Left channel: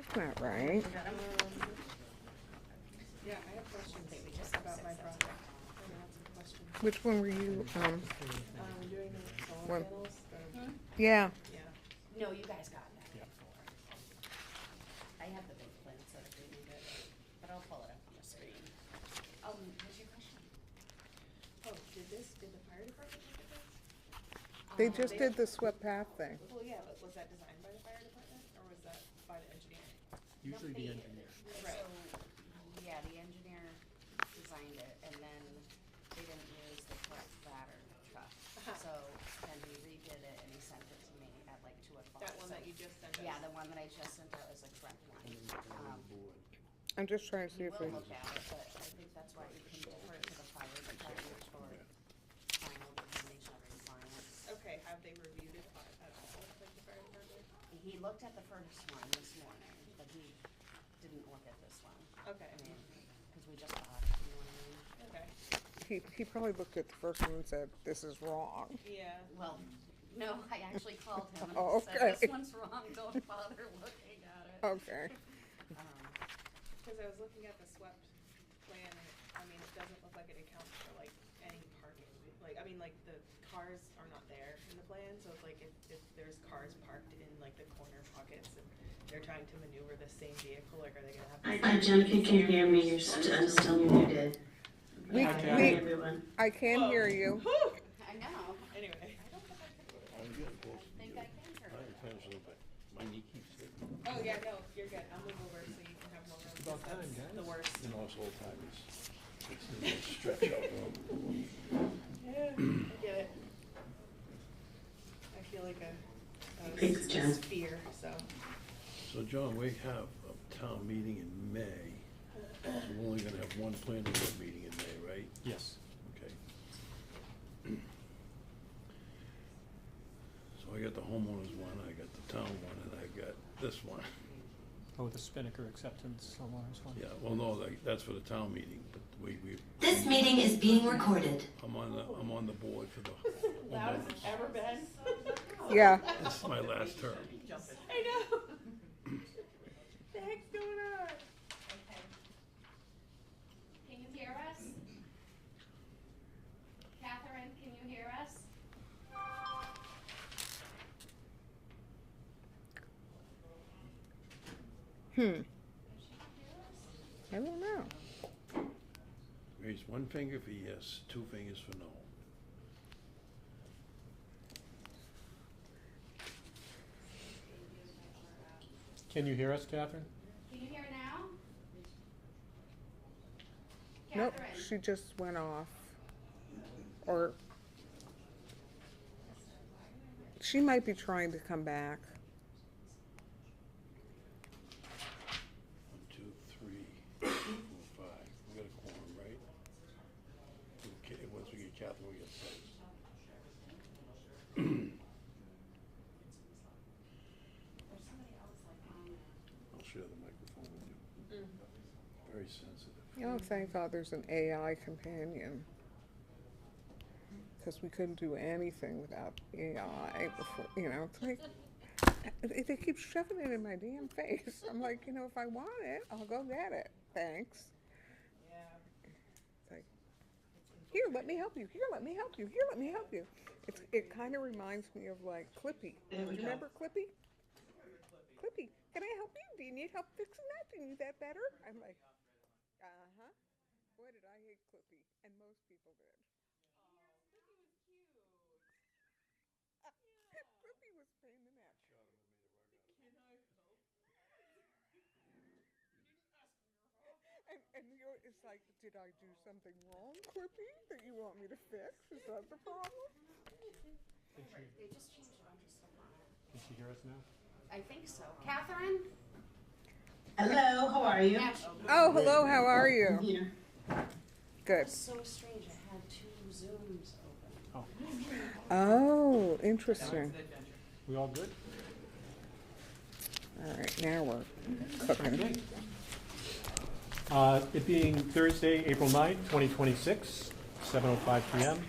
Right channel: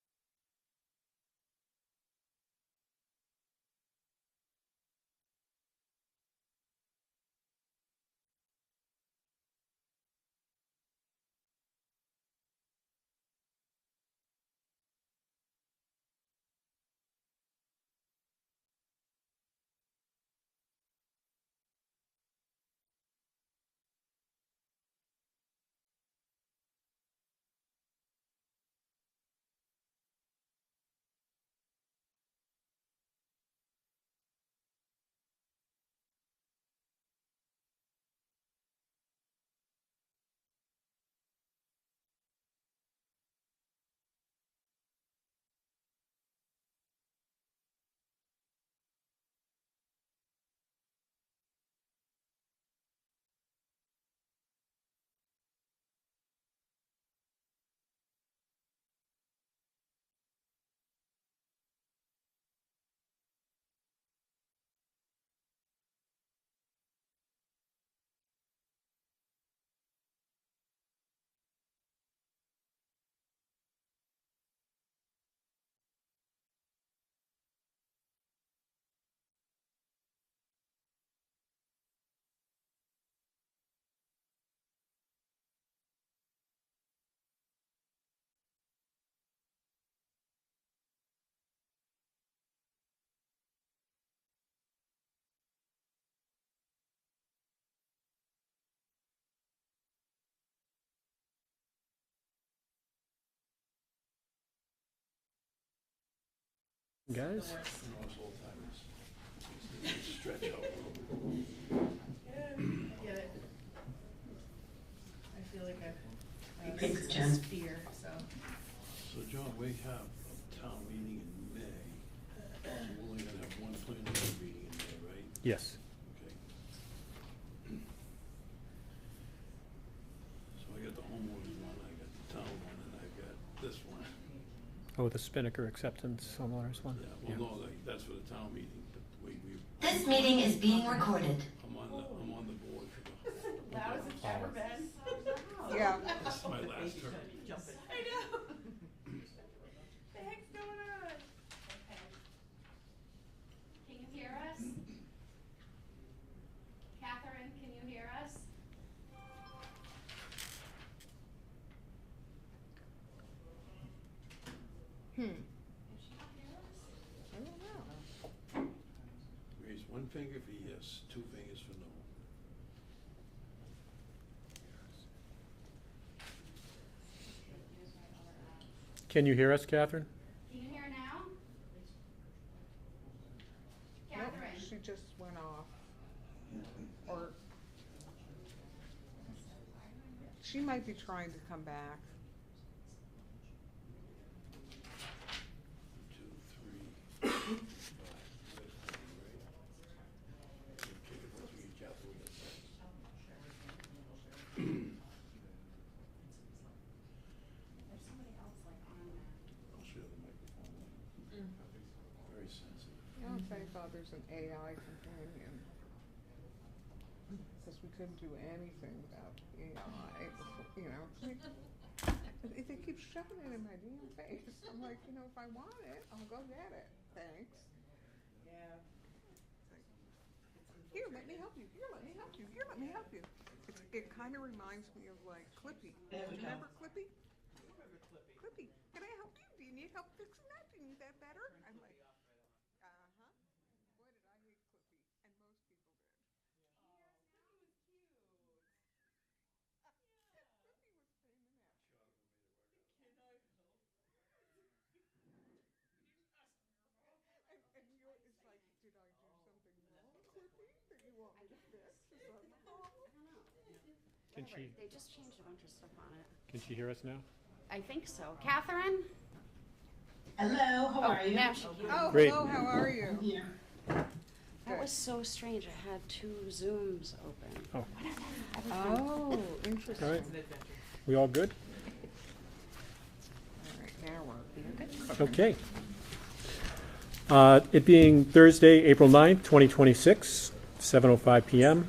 That's not right. Yeah, I have questions about my project. I have some questions. Which one were you, Doing the solar What? panels, yeah, yeah. No, you guys got that before. I have the big plan set if you need it, but I'll pull it up on the screen. What's your question? Oh, did the fire department look at this? they just did the swept path thing. Well, yeah, but was that designed by the fire department, or was that by the engineer? Usually the engineer. Right. So, yeah, the engineer designed it, and then they didn't use the correct pattern truck. So then he redid it and he sent it to me at like 2:00. That one that you just sent us? Yeah, the one that I just sent out is the correct one. I'm just trying to see if We'll they, look at it, but I think that's why you can defer to the fire department for final determination of compliance. Okay, have they reviewed it at all, like the fire department? He looked at the first one this morning, but he didn't look at this one. Okay, I mean, cause we just bought it, you know what I mean? okay, he probably looked at the first one and said, this is wrong. yeah. Well, no, I actually called him Oh, and said, okay. this one's wrong, don't bother looking at it. Okay. Cause I was looking at the swept plan and it doesn't look like it accounts for like any parking. Like, like the cars are not there in the plan, so it's like if there's cars parked in like the corner pockets and they're trying to maneuver the same vehicle, like are they gonna have? Hi, Jennifer, can you hear me? I'm still muted. We, Hi, everyone. I can hear you. I know. Anyway, I think I can hear it. My knee keeps hurting. oh yeah, no, you're good. I'll move over so you can have more room. About That's time, guys. The worst. You know, it's old timers. Stretch out. Yeah, I get it. I feel like a Thanks, Jen. sphere, so. So John, we have a town meeting in May. So we're only gonna have one planning board meeting in May, right? Yes. Okay. So I got the homeowners one, I got the town one, and I got this one. Oh, the Spinnaker acceptance homeowners one? Yeah, well, no, that's for the town meeting, but we, This meeting is being recorded. I'm on the board for the homeowners. Ever been? Yeah. This is my last term. I know. The heck's going on? Can you hear us? Catherine, can you hear us? I don't know. Raise one finger for yes, two fingers for no. Can you hear us, Catherine? Can you hear now? Nope, Catherine? she just went off. Or she might be trying to come back. 1, 2, 3, 5. We got a quorum, right? Okay, once we get Catherine, we get six. I'll share the microphone with you. Very sensitive. Oh, thank God there's an AI companion. Because we couldn't do anything without AI before, it's like, they keep shoving it in my damn face. I'm like, if I want it, I'll go get it. Thanks. Yeah. It's like, here, let me help you. Here, let me help you. Here, let me help you. It kind of reminds me of like Clippy. Do you remember Clippy? Clippy, can I help you? Do you need help fixing that? Do you need that better? I'm like, uh-huh. Boy, did I hate Clippy. And most people did. Clippy was a pain in the neck. And it's like, did I do something wrong, Clippy, that you want me to fix? Is that the problem? Can she, They just changed a bunch of stuff on it. can she hear us now? I think so. Catherine? Hello, how are you? Yeah. Oh, Great. hello, how are you? Here. That Good. was so strange. I had 2 Zooms open. Oh, Oh, interesting. we all good? All right, now we're cooking. Okay. It being Thursday, April 9th, 2026, 7:05 PM.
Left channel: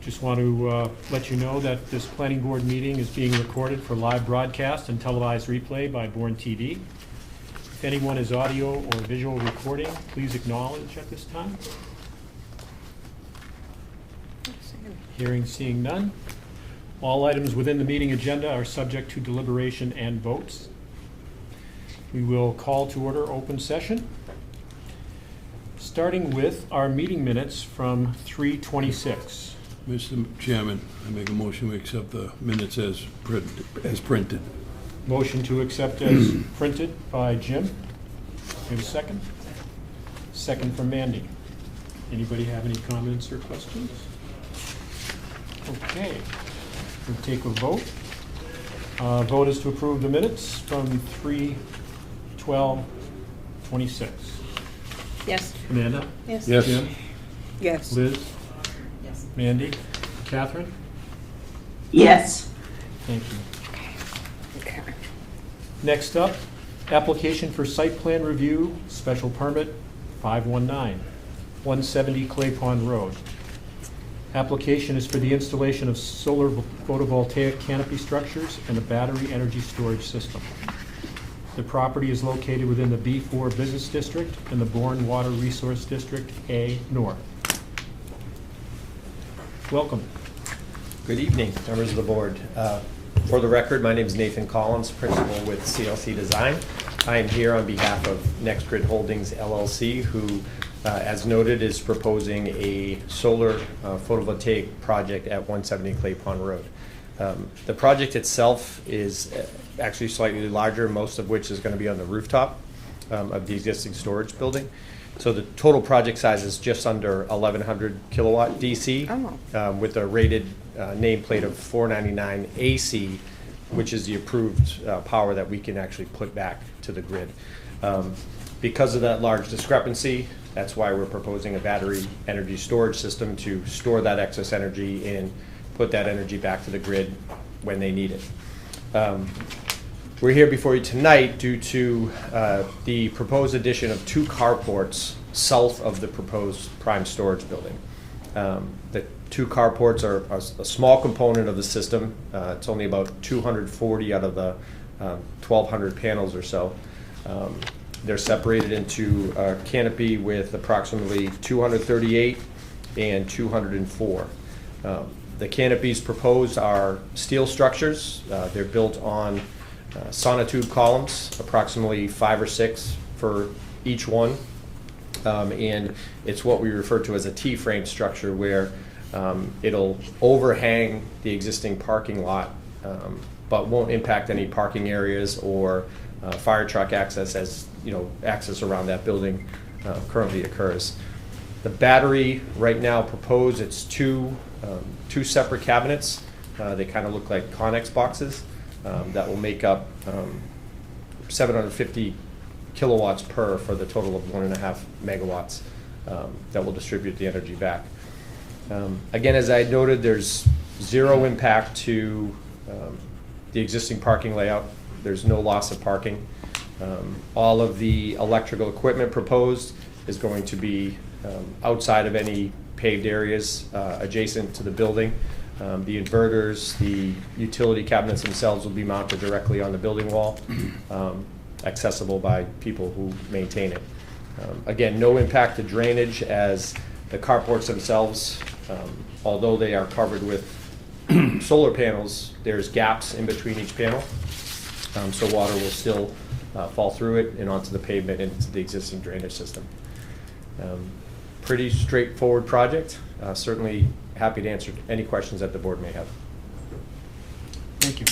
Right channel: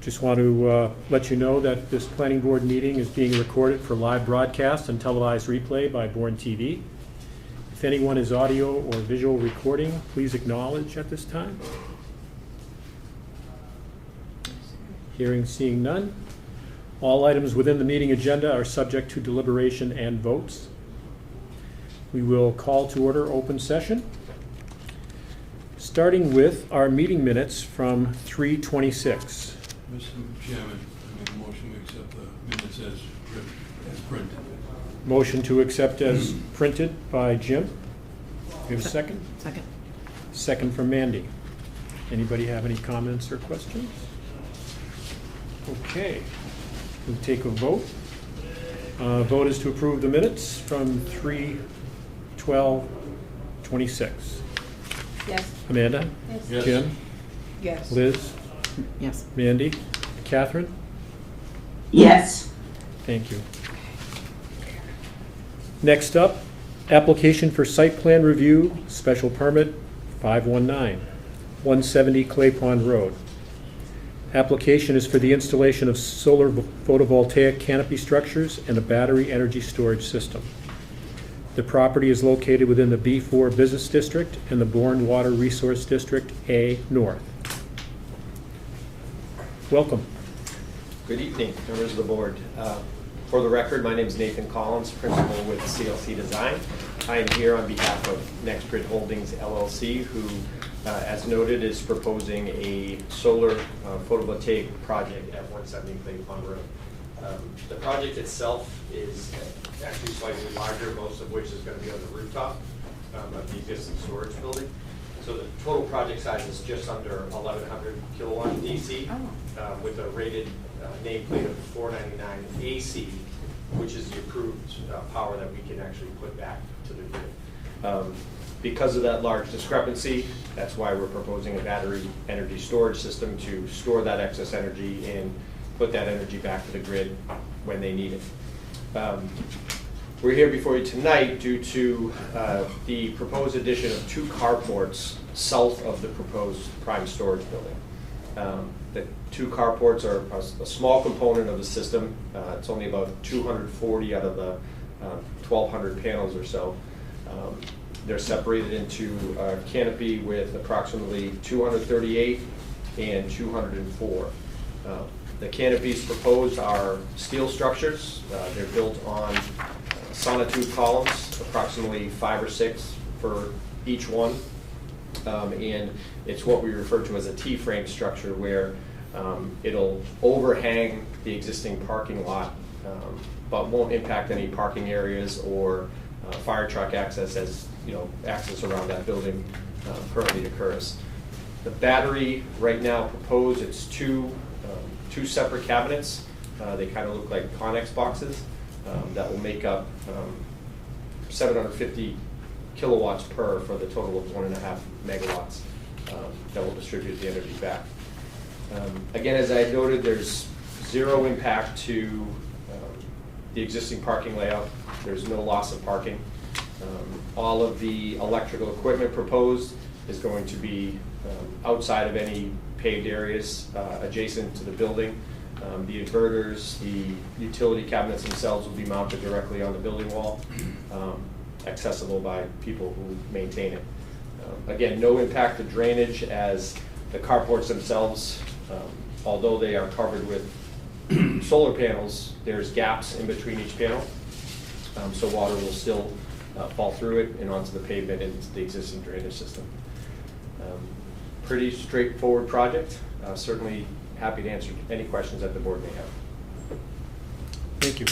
Just want to let you know that this planning board meeting is being recorded for live broadcast and televised replay by Bourne TV. If anyone is audio or visual recording, please acknowledge at this time. Hearing, seeing none. All items within the meeting agenda are subject to deliberation and votes. We will call to order open session, starting with our meeting minutes from 3/26. Mr. Chairman, I make a motion we accept the minutes as printed. Motion to accept as printed by Jim. We have a second? Second. Second from Mandy. Anybody have any comments or questions? Okay, we'll take a vote. Vote is to approve the minutes from 3/12/26. Yes. Amanda? Yes. Yes. Jim? Yes. Liz? Yes. Mandy? Catherine? Yes. Thank you. Next up, application for site plan review, special permit 519, 170 Clay Pond Road. Application is for the installation of solar photovoltaic canopy structures and a battery energy storage system. The property is located within the B4 Business District and the Bourne Water Resource District A North. Welcome. Good evening, members of the board. For the record, my name is Nathan Collins, principal with CLC Design. I am here on behalf of NextGrid Holdings LLC, who, as noted, is proposing a solar photovoltaic project at 170 Clay Pond Road. The project itself is actually slightly larger, most of which is going to be on the rooftop of the existing storage building. So the total project size is just under 1,100 kilowatt DC with a rated nameplate of 499 AC, which is the approved power that we can actually put back to the grid. Because of that large discrepancy, that's why we're proposing a battery energy storage system to store that excess energy and put that energy back to the grid when they need it. We're here before you tonight due to the proposed addition of 2 carports south of the proposed prime storage building. The 2 carports are a small component of the system. It's only about 240 out of the 1,200 panels or so. They're separated into a canopy with approximately 238 and 204. The canopies proposed are steel structures. They're built on sonotube columns, approximately 5 or 6 for each one. And it's what we refer to as a T-frame structure, where it'll overhang the existing parking lot, but won't impact any parking areas or fire truck access, as access around that building currently occurs. The battery right now proposed, it's two separate cabinets. They kind of look like Connex boxes that will make up 750 kilowatts per for the total of 1.5 megawatts that will distribute the energy back. Again, as I noted, there's zero impact to the existing parking layout. There's no loss of parking. All of the electrical equipment proposed is going to be outside of any paved areas adjacent to the building. The inverters, the utility cabinets themselves will be mounted directly on the building wall, accessible by people who maintain it. Again, no impact to drainage, as the carports themselves, although they are covered with solar panels, there's gaps in between each panel, so water will still fall through it and onto the pavement into the existing drainage system. Pretty straightforward project. Certainly happy to answer any questions that the board may have. Thank you.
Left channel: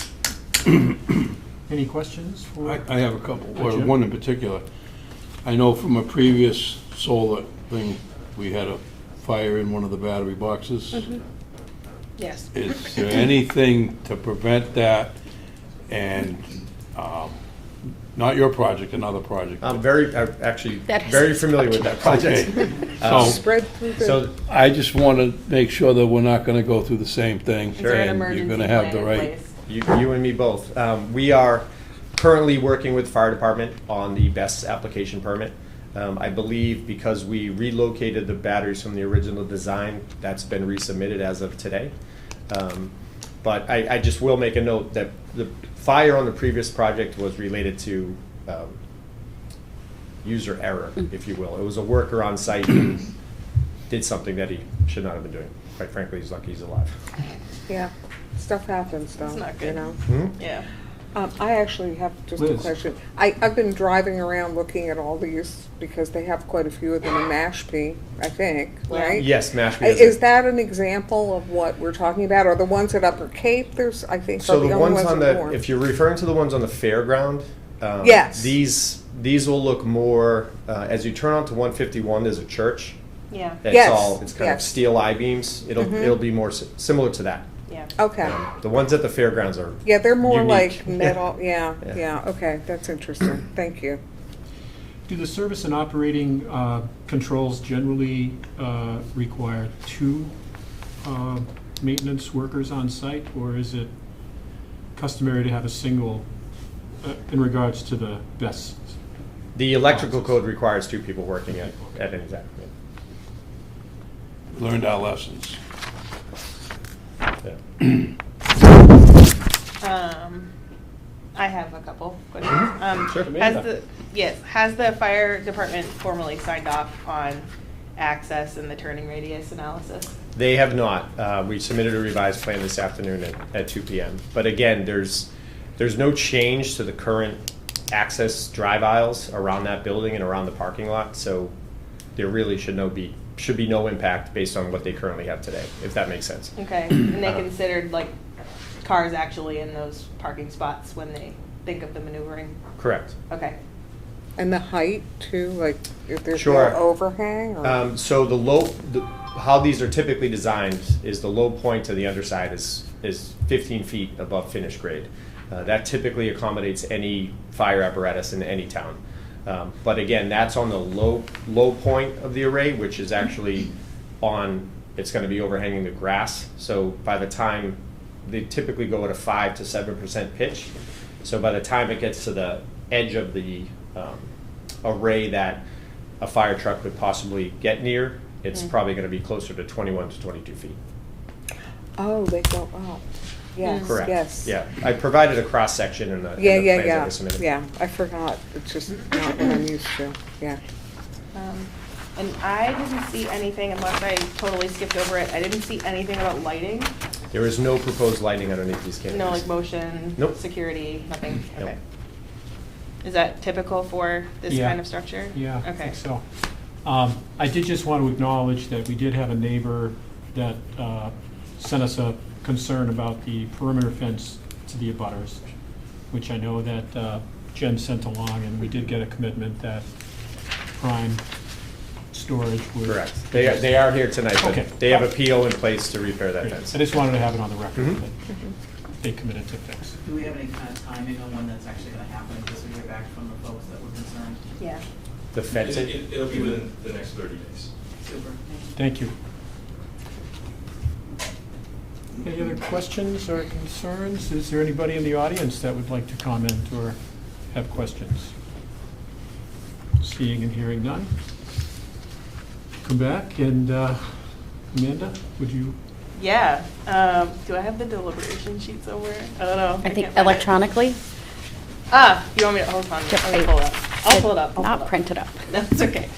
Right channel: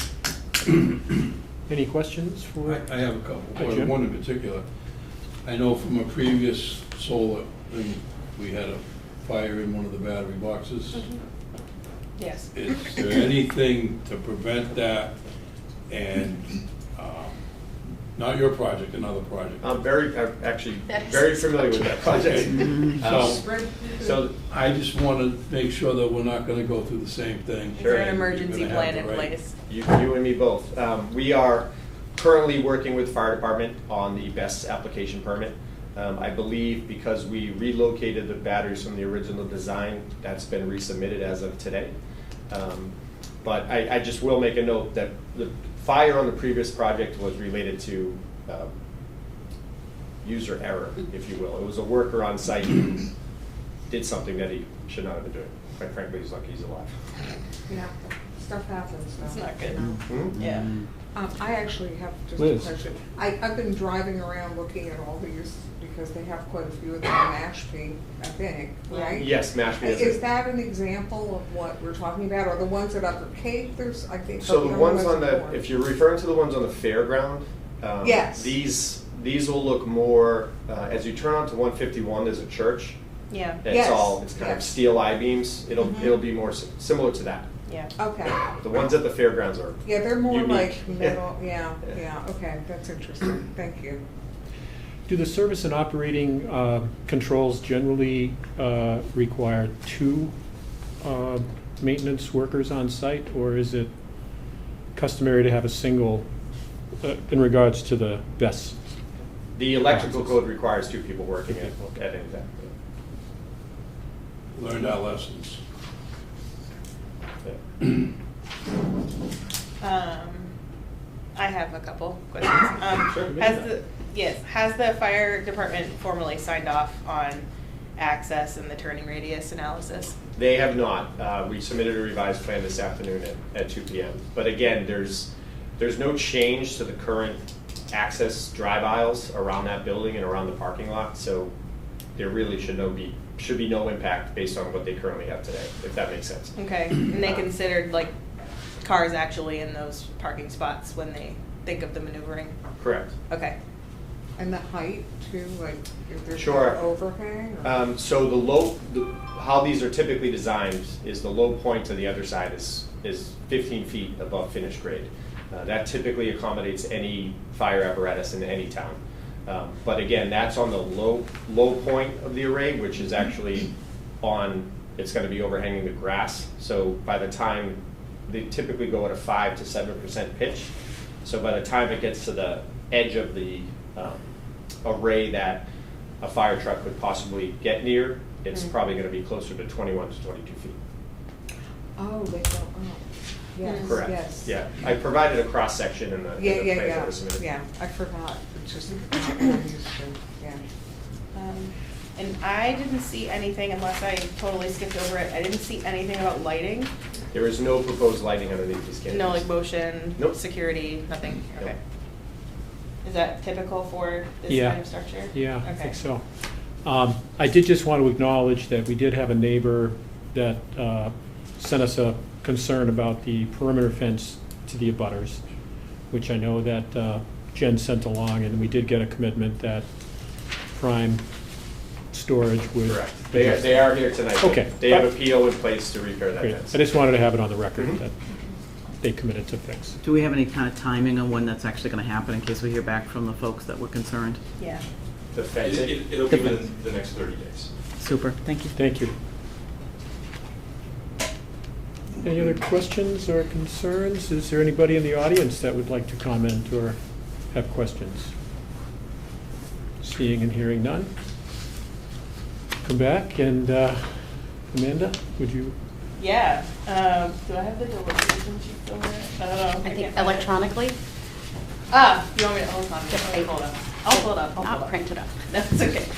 Any questions for? I have a couple, or Jim? one in particular. I know from a previous solar thing, we had a fire in one of the battery boxes. Yes. Is there anything to prevent that? And, not your project, another project. I'm actually That very is familiar with that project. So, Spread through the. So I just want to make sure that we're not going to go through the same thing. Is there an and emergency you're going to plan have the in right. place? you and me both. We are currently working with the fire department on the BESS application permit. I believe because we relocated the batteries from the original design, that's been resubmitted as of today. But I just will make a note that the fire on the previous project was related to user error, if you will. It was a worker on site who did something that he should not have been doing. Quite frankly, he's lucky he's alive. Yeah, stuff happens though, It's not you good. know? Hmm? Yeah. I actually have just a Liz. question. I've been driving around looking at all these because they have quite a few of them in Mashpee, I think, Yeah. right? Yes, Mashpee Is that an example of what we're talking about? Or the ones at Upper Cape, there's, I think, So are the the only ones on in the, Bourne. if you're referring to the ones on the fairground, Yes. these will look more, as you turn onto 151, there's a church. Yeah. Yes, It's kind of yes. steel I-beams. It'll be more similar to that. Yeah. Okay, The ones at the fairgrounds are, yeah, they're more Unique. like Yeah. metal, yeah, Yeah. yeah, okay, that's interesting, thank you. Do the service and operating controls generally require two maintenance workers on site, or is it customary to have a single in regards to the best? the electrical Process. code requires 2 people working Two people, at any time. Learned our lessons. I have a couple questions. Sure, Has the fire department formally signed off on access and the turning radius analysis? They have not. We submitted a revised plan this afternoon at 2 p.m. But again, there's no change to the current access drive aisles around that building and around the parking lot. So there really should be no impact based on what they currently have today, if that makes sense. Okay, and they considered like cars actually in those parking spots when they think of the maneuvering? Correct. Okay. And the height too, like, if there's Sure. no overhang or? So how these are typically designed is the low point to the underside is 15 feet above finished grade. That typically accommodates any fire apparatus in any town. But again, that's on the low point of the array, which is actually it's gonna be overhanging the grass. So by the time, they typically go at a 5 to 7% pitch. So by the time it gets to the edge of the array that a fire truck could possibly get near, it's probably gonna be closer to 21 to 22 feet. Oh, they go up, yes, Correct. yes. Yeah, I provided a cross-section in the Yeah, plans yeah, that were submitted. yeah, I forgot, it's just not what I'm used to, yeah. And I didn't see anything, unless I totally skipped over it, I didn't see anything about lighting. There is no proposed lighting underneath these canopies. No, like motion, Nope. security, nothing, Nope. okay. Is that typical for this Yeah. kind of structure? Yeah, I Okay. think so. I did just want to acknowledge that we did have a neighbor that sent us a concern about the perimeter fence to the abutters, which I know that Jen sent along, and we did get a commitment that Prime Storage would. Correct. They are here tonight. but Okay. They have a PO in place to repair that Great. fence. I just wanted to have it on the record Mhm. that they committed to fix. Do we have any kind of timing on when that's actually gonna happen in case we hear back from the folks that were concerned? Yeah. The fence, It'll be within the next 30 days. Super, thank you. Thank you. Any other questions or concerns? Is there anybody in the audience that would like to comment or have questions? Seeing and hearing none. Come back and, Amanda, would you? Yeah, do I have the deliberation sheets over? I don't know. I think can't find it. electronically, You want me to, hold on, Yep, let me pull it up. I'll pull it up. I'll pull it not up. printed up. That's okay.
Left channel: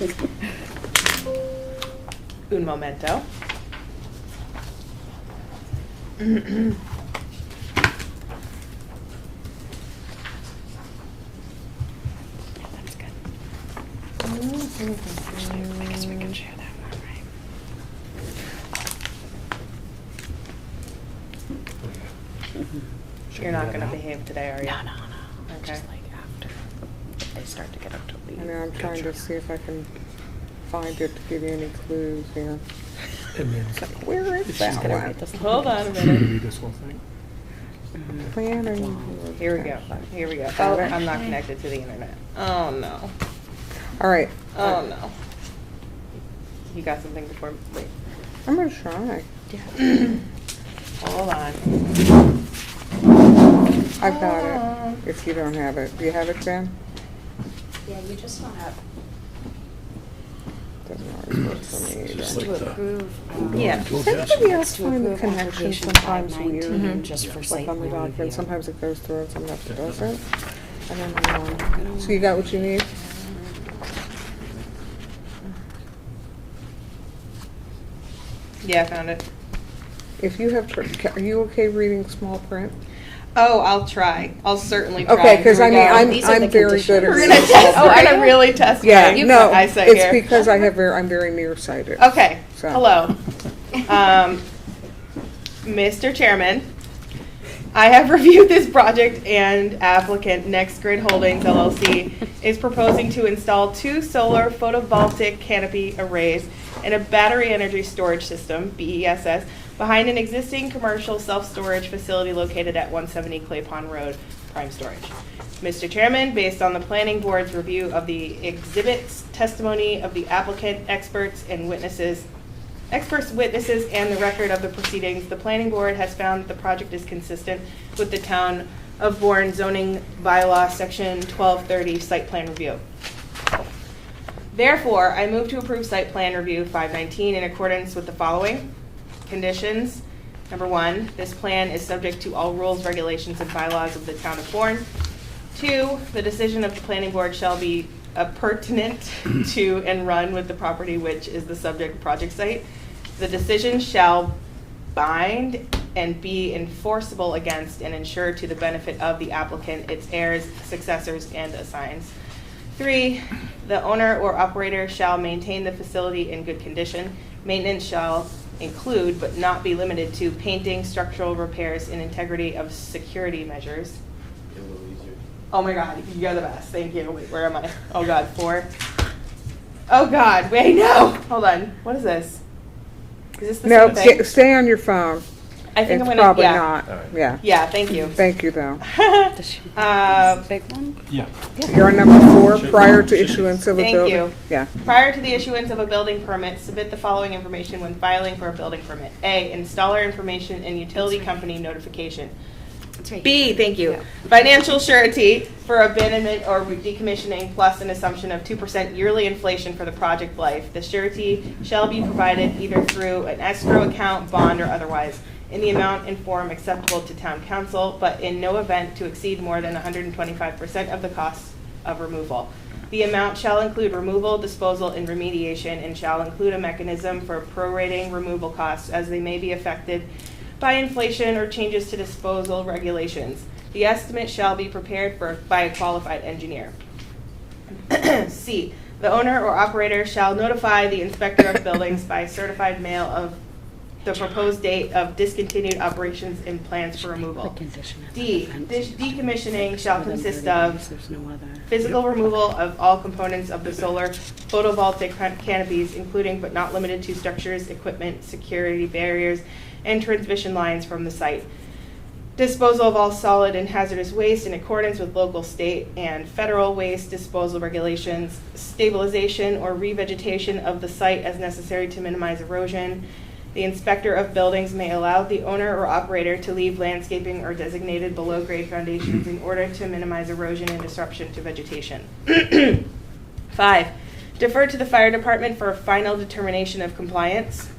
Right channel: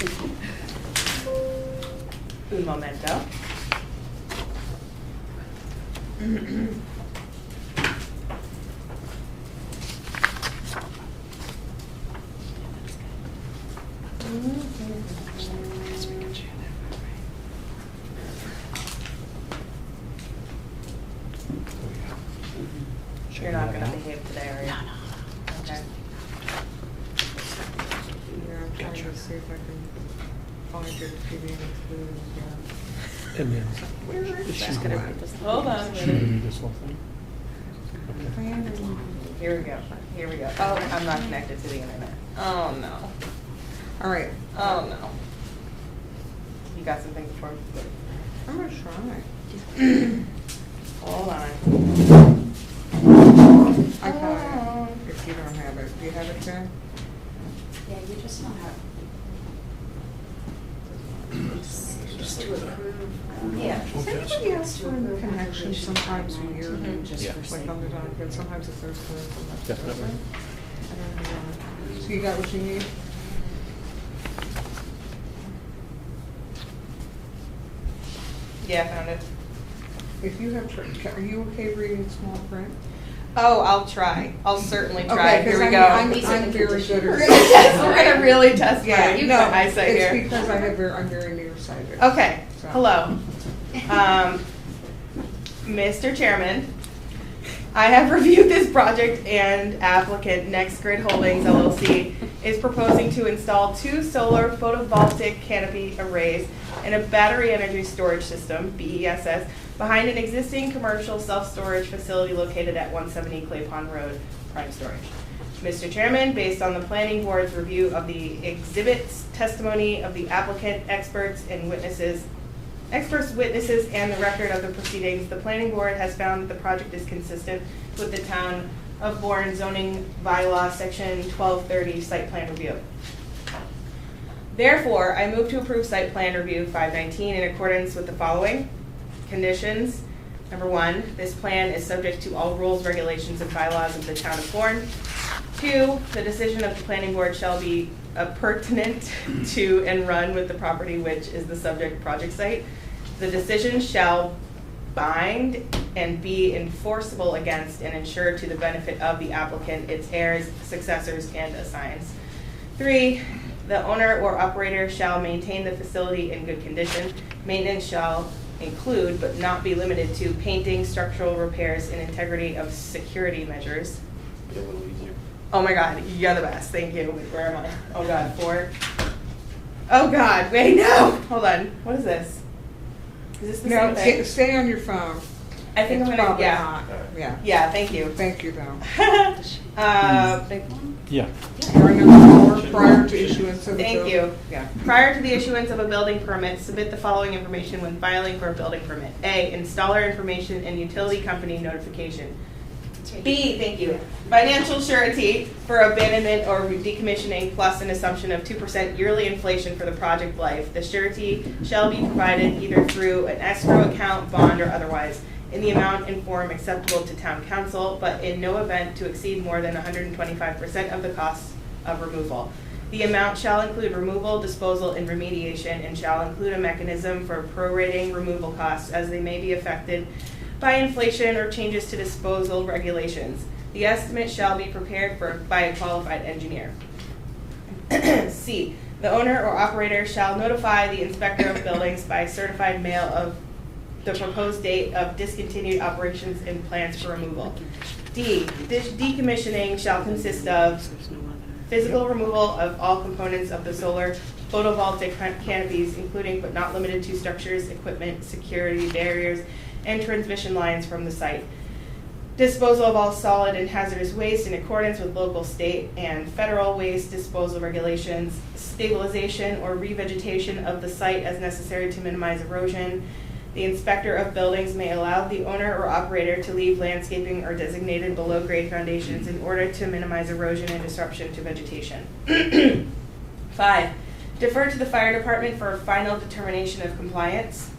Un momento. I guess we can share that one, right? Oh, yeah. You're not gonna behave today, are you? No, no, no. Okay. Just like after they start to get up to And now I'm trying to see if I can find it to give you any clues here. And then, Where is It's that just one? gonna write this down. Hold on a should we minute. read this whole thing? Plan and. Here we go, here we go. Oh, I'm not connected to the internet. Oh, no. All right, Oh, no. You got something for me? I'm gonna try. Hold on. I got it, if you don't have it. Do you have it, Jen? Yeah, you just don't have, Just to approve, Yeah. Does anybody else to find the approve connection application sometimes 519 weird? just Yeah. for Like site on the plan document, review. sometimes it goes through and sometimes it Definitely. doesn't. I don't know. So you got what you need? Yeah, I found it. If you have, are you okay reading small print? Oh, I'll try. I'll certainly try. Okay, because Here I we mean, go. These are I'm the very good at conditions. We're reading gonna small test. We're print. gonna really test Yeah, my no, eyesight it's here. because I'm very nearsighted. Okay. So. Hello, Mr. Chairman. I have reviewed this project and applicant Next Grid Holdings LLC is proposing to install 2 solar photovoltaic canopy arrays and a battery energy storage system, BESS, behind an existing commercial self-storage facility located at 170 Clay Pond Road, Prime Storage. Mr. Chairman, based on the planning board's review of the exhibits, testimony of the applicant, experts, witnesses, and the record of the proceedings, the planning board has found that the project is consistent with the town of Bourne zoning bylaw section 1230 site plan review. Therefore, I move to approve site plan review 519 in accordance with the following conditions. Number 1, this plan is subject to all rules, regulations, and bylaws of the town of Bourne. 2, the decision of the planning board shall be pertinent to and run with the property which is the subject project site. The decision shall bind and be enforceable against and ensure to the benefit of the applicant, its heirs, successors, and assigns. 3, the owner or operator shall maintain the facility in good condition. Maintenance shall include, but not be limited to, painting, structural repairs, and integrity of security measures. Get a little easier. Oh my God, you're the best. Thank you. Wait, where am I? Oh God, 4. Oh God, wait, no. Hold on. What is this? Is this the No, same thing? stay on your phone. I think It's I'm gonna. probably Yeah. not. Yeah. Yeah. Thank you. Thank you, though. Big one? Yeah. You're on number 4, prior to issuance of a Thank bill. you. Yeah. Prior to the issuance of a building permit, submit the following information when filing for a building permit. A, installer information and utility company notification. It's right B, here. thank you. Yeah. Financial surety for abandonment or decommissioning plus an assumption of 2% yearly inflation for the project life. The surety shall be provided either through an escrow account, bond, or otherwise, in the amount and form acceptable to town council, but in no event to exceed more than 125% of the cost of removal. The amount shall include removal, disposal, and remediation, and shall include a mechanism for prorating removal costs as they may be affected by inflation or changes to disposal regulations. The estimate shall be prepared by a qualified engineer. C, the owner or operator shall notify the inspector of buildings by certified mail of the proposed date of discontinued operations and plans for removal. D, decommissioning shall consist of There's no other. physical removal of all components of the solar photovoltaic canopies, including but not limited to structures, equipment, security barriers, and transmission lines from the site. Disposal of all solid and hazardous waste in accordance with local, state, and federal waste disposal regulations. Stabilization or revegetation of the site as necessary to minimize erosion. The inspector of buildings may allow the owner or operator to leave landscaping or designated below-grade foundations in order to minimize erosion and disruption to vegetation. 5, defer to the fire department for a final determination of compliance.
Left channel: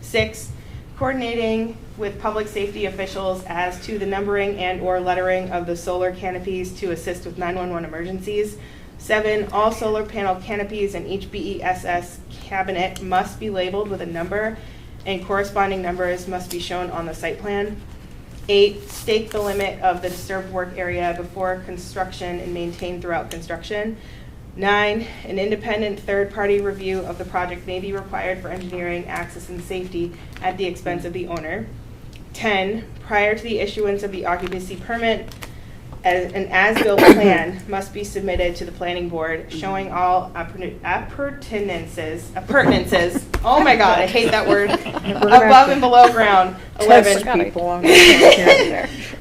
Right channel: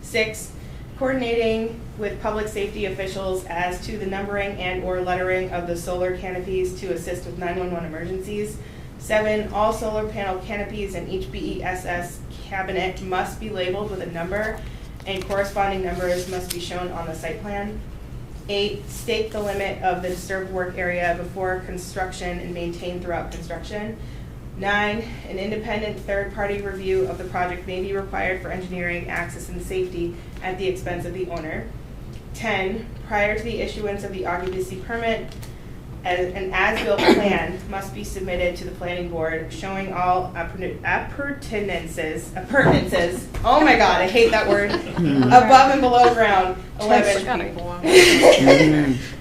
6, coordinating with public safety officials as to the numbering and/or lettering of the solar canopies to assist with 911 emergencies. 7, all solar panel canopies in each BESS cabinet must be labeled with a number, and corresponding numbers must be shown on the site plan. 8, stake the limit of the disturbed work area before construction and maintain throughout construction. 9, an independent third-party review of the project may be required for engineering, access, and safety at the expense of the owner. 10, prior to the issuance of the occupancy permit, an as-built plan must be submitted to the planning board showing all appurtenances, oh my God, I hate that word, above and below ground. 11. People on the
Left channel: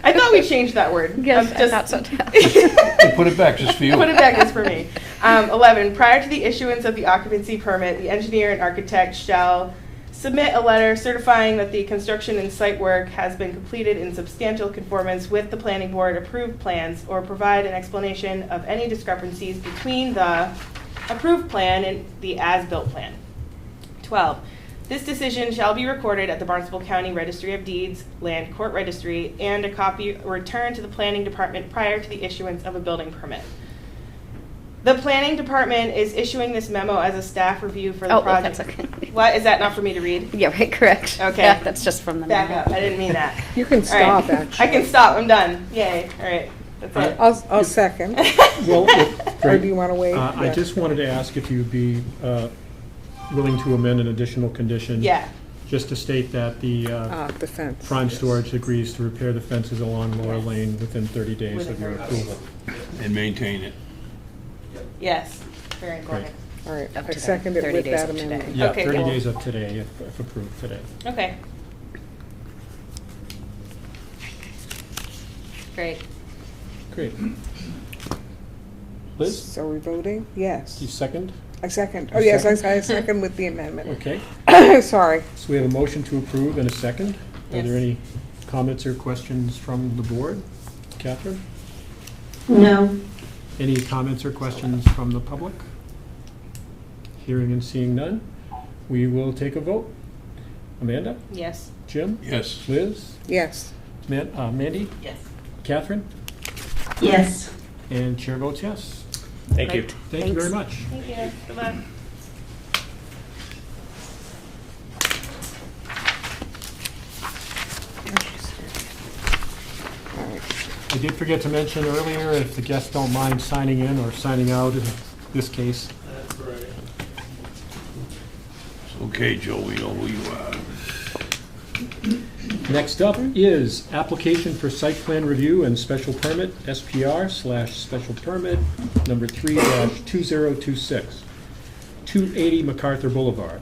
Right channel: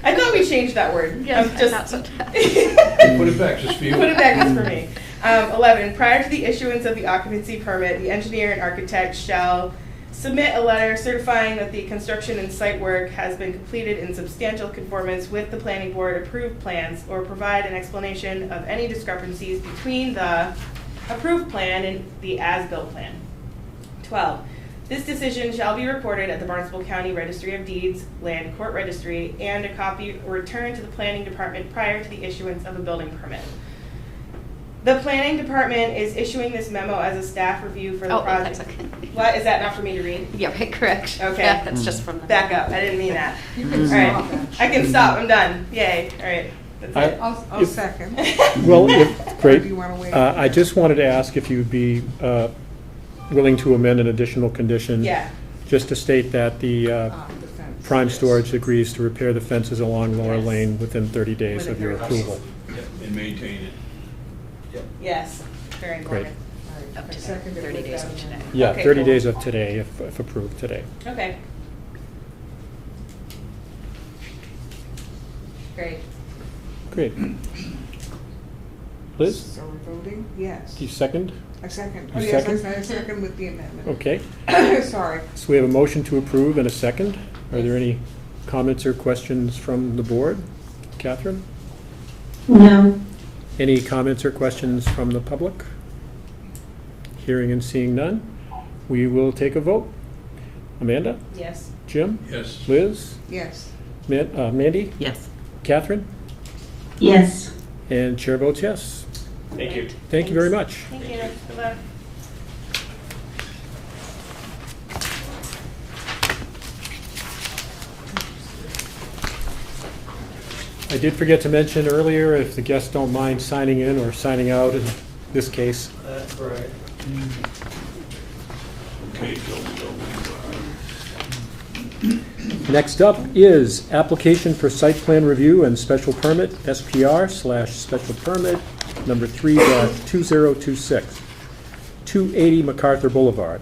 I thought we changed that word. Yes, I'm just, not so tough. Put it back just for you. Put it back just for me. 11, prior to the issuance of the occupancy permit, the engineer and architect shall submit a letter certifying that the construction and site work has been completed in substantial conformance with the planning board approved plans, or provide an explanation of any discrepancies between the approved plan and the as-built plan. 12. This decision shall be recorded at the Barnstable County Registry of Deeds, Land Court Registry, and a copy returned to the Planning Department prior to the issuance of a building permit. The Planning Department is issuing this memo as a staff review for the Oh, project. that's okay. What, is that not for me to read? Yeah, right, correct. Okay. Yeah, that's just from the. Back up, I didn't mean that. You can All right. stop, actually. I can stop, I'm done. Yay, all right. That's it. I'll second. Well, Or great. do you want to wait? I just wanted to ask if you'd be willing to amend an additional condition. Yeah, Just to state that the The fence. Prime Storage agrees to repair the fences along Laura Yes. Lane within 30 days Within of your 30 days. approval. And maintain it. yes, very important. All right, Up I to second it 30 with days that of today. amendment. Yeah, Okay, 30 cool. days of today, if approved today. Okay. Great. Great. Liz, So we're voting? Yes. do you second? I second. You Oh, yes, I second? second with the amendment. Okay, Sorry. so we have a motion to approve and a second. Are there Yes. any comments or questions from the board? Catherine? No. Any comments or questions from the public? Hearing and seeing none, we will take a vote. Amanda? Yes. Jim? Yes. Liz? Yes. Mandy? Yes. Catherine? Yes. And chair votes yes. Thank you. Thank you very much. Thank you. Good luck. I did forget to mention earlier, if the guests don't mind signing in or signing out in this case. That's right. Okay, Joe, we know who you are. Next up is application for site plan review and special permit, SPR/special permit number 3-2026, 280 MacArthur Boulevard.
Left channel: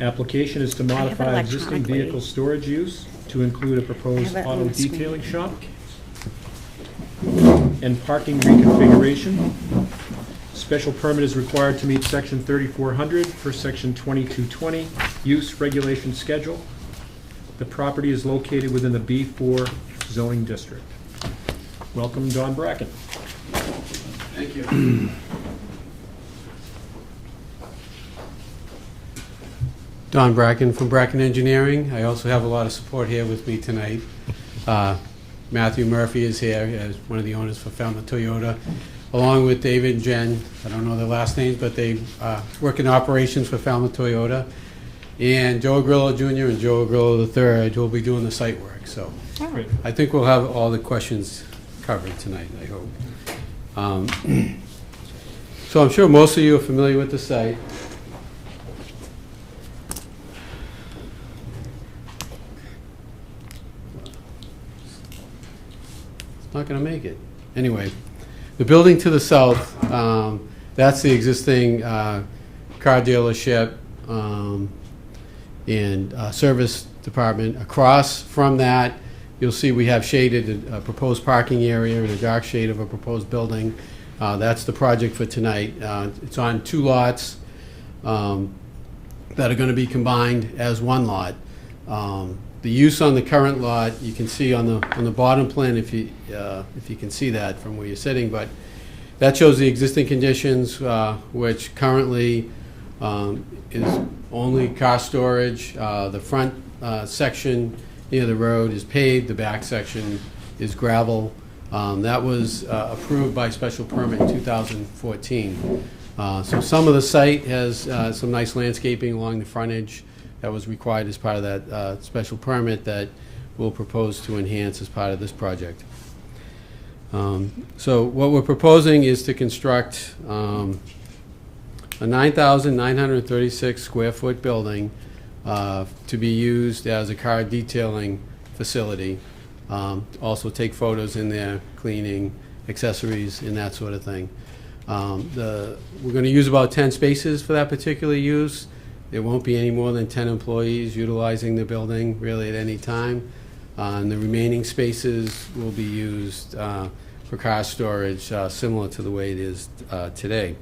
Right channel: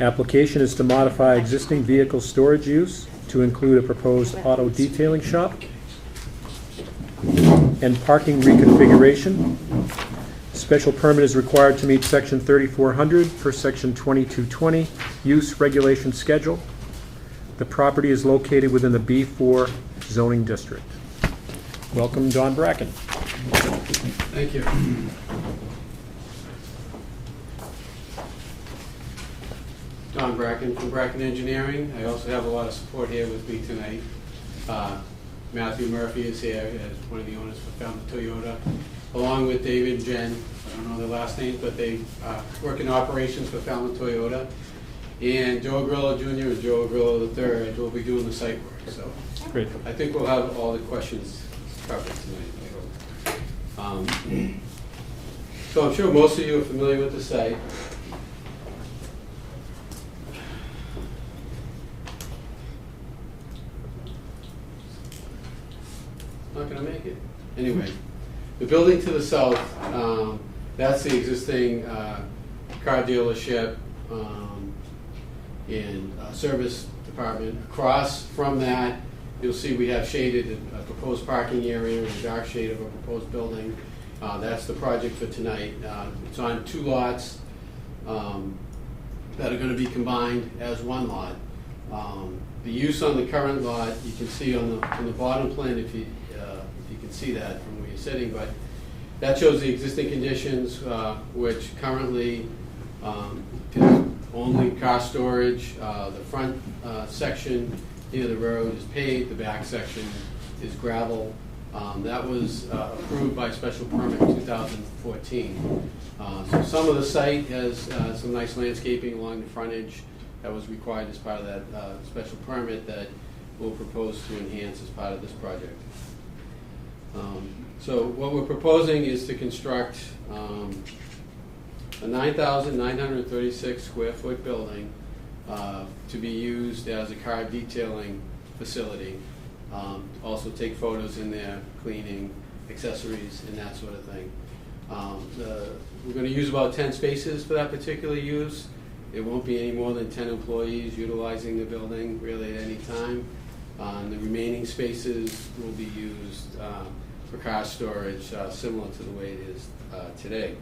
Application is to modify existing vehicle storage use to include a proposed auto detailing shop and parking reconfiguration. Special permit is required to meet section 3400 for section 2220 use regulation schedule. The property is located within the B4 zoning district. Welcome, Don Bracken. Thank you. Don Bracken from Bracken Engineering. I also have a lot of support here with me tonight. Matthew Murphy is here as one of the owners for Falmouth Toyota, along with David and Jen. I don't know their last names, but they work in operations for Falmouth Toyota. And Joe Grillo Jr. and Joe Grillo III will be doing the site work. So Great. I think we'll have all the questions covered tonight, I hope. So I'm sure most of you are familiar with the site. Not gonna make it. Anyway, the building to the south, that's the existing car dealership and service department. Across from that, you'll see we have shaded a proposed parking area and a dark shade of a proposed building. That's the project for tonight. It's on 2 lots that are gonna be combined as 1 lot. The use on the current lot, you can see on the bottom plan if you can see that from where you're sitting, but that shows the existing conditions, which currently is only car storage. The front section near the road is paved, the back section is gravel. That was approved by special permit in 2014. So some of the site has some nice landscaping along the frontage that was required as part of that special permit that we'll propose to enhance as part of this project. So what we're proposing is to construct a 9,936 square foot building to be used as a car detailing facility. Also take photos in there, cleaning, accessories, and that sort of thing. We're going to use about 10 spaces for that particular use. There won't be any more than 10 employees utilizing the building really at any time. And the remaining spaces will be used for car storage, similar to the way it is today.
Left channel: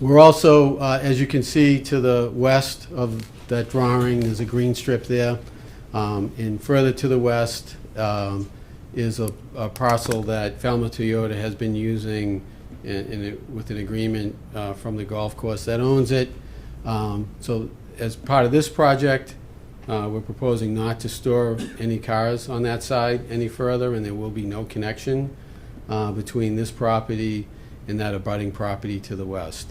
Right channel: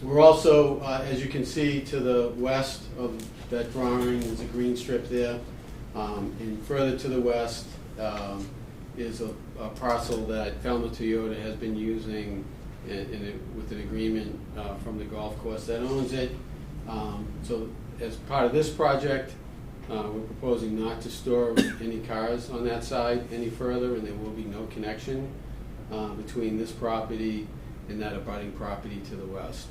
We're also, as you can see to the west of that drawing, there's a green strip there. And further to the west is a parcel that Falmouth Toyota has been using with an agreement from the golf course that owns it. So as part of this project, we're proposing not to store any cars on that side any further, and there will be no connection between this property and that abutting property to the west.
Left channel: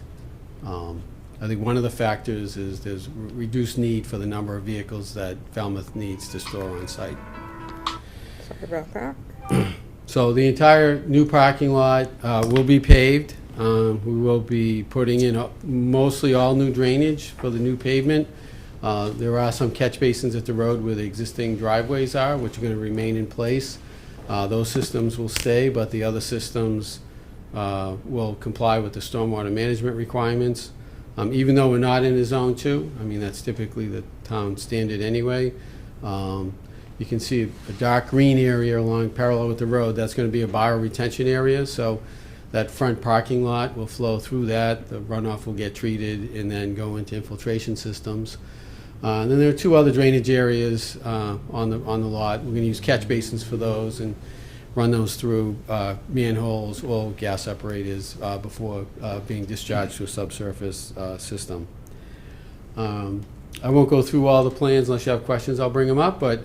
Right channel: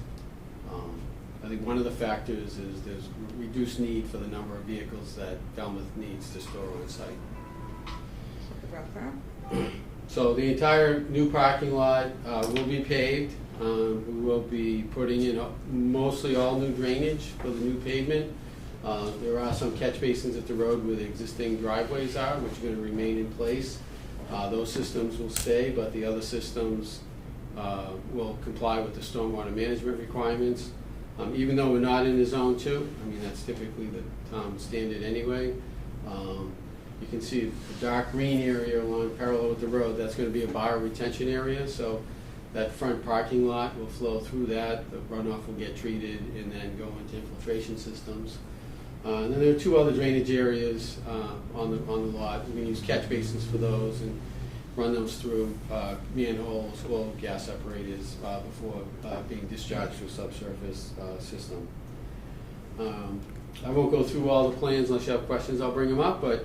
I think one of the factors is there's reduced need for the number of vehicles that Falmouth needs to store on site. Sorry about that. So the entire new parking lot will be paved. We will be putting in mostly all new drainage for the new pavement. There are some catch basins at the road where the existing driveways are, which are going to remain in place. Those systems will stay, but the other systems will comply with the stormwater management requirements. Even though we're not in a zone 2, I mean, that's typically the town standard anyway. You can see a dark green area along parallel with the road. That's going to be a bioretention area, so that front parking lot will flow through that. The runoff will get treated and then go into infiltration systems. And then there are 2 other drainage areas on the lot. We're going to use catch basins for those and run those through manholes, oil, gas separators before being discharged to a subsurface system. I won't go through all the plans unless you have questions. I'll bring them up, but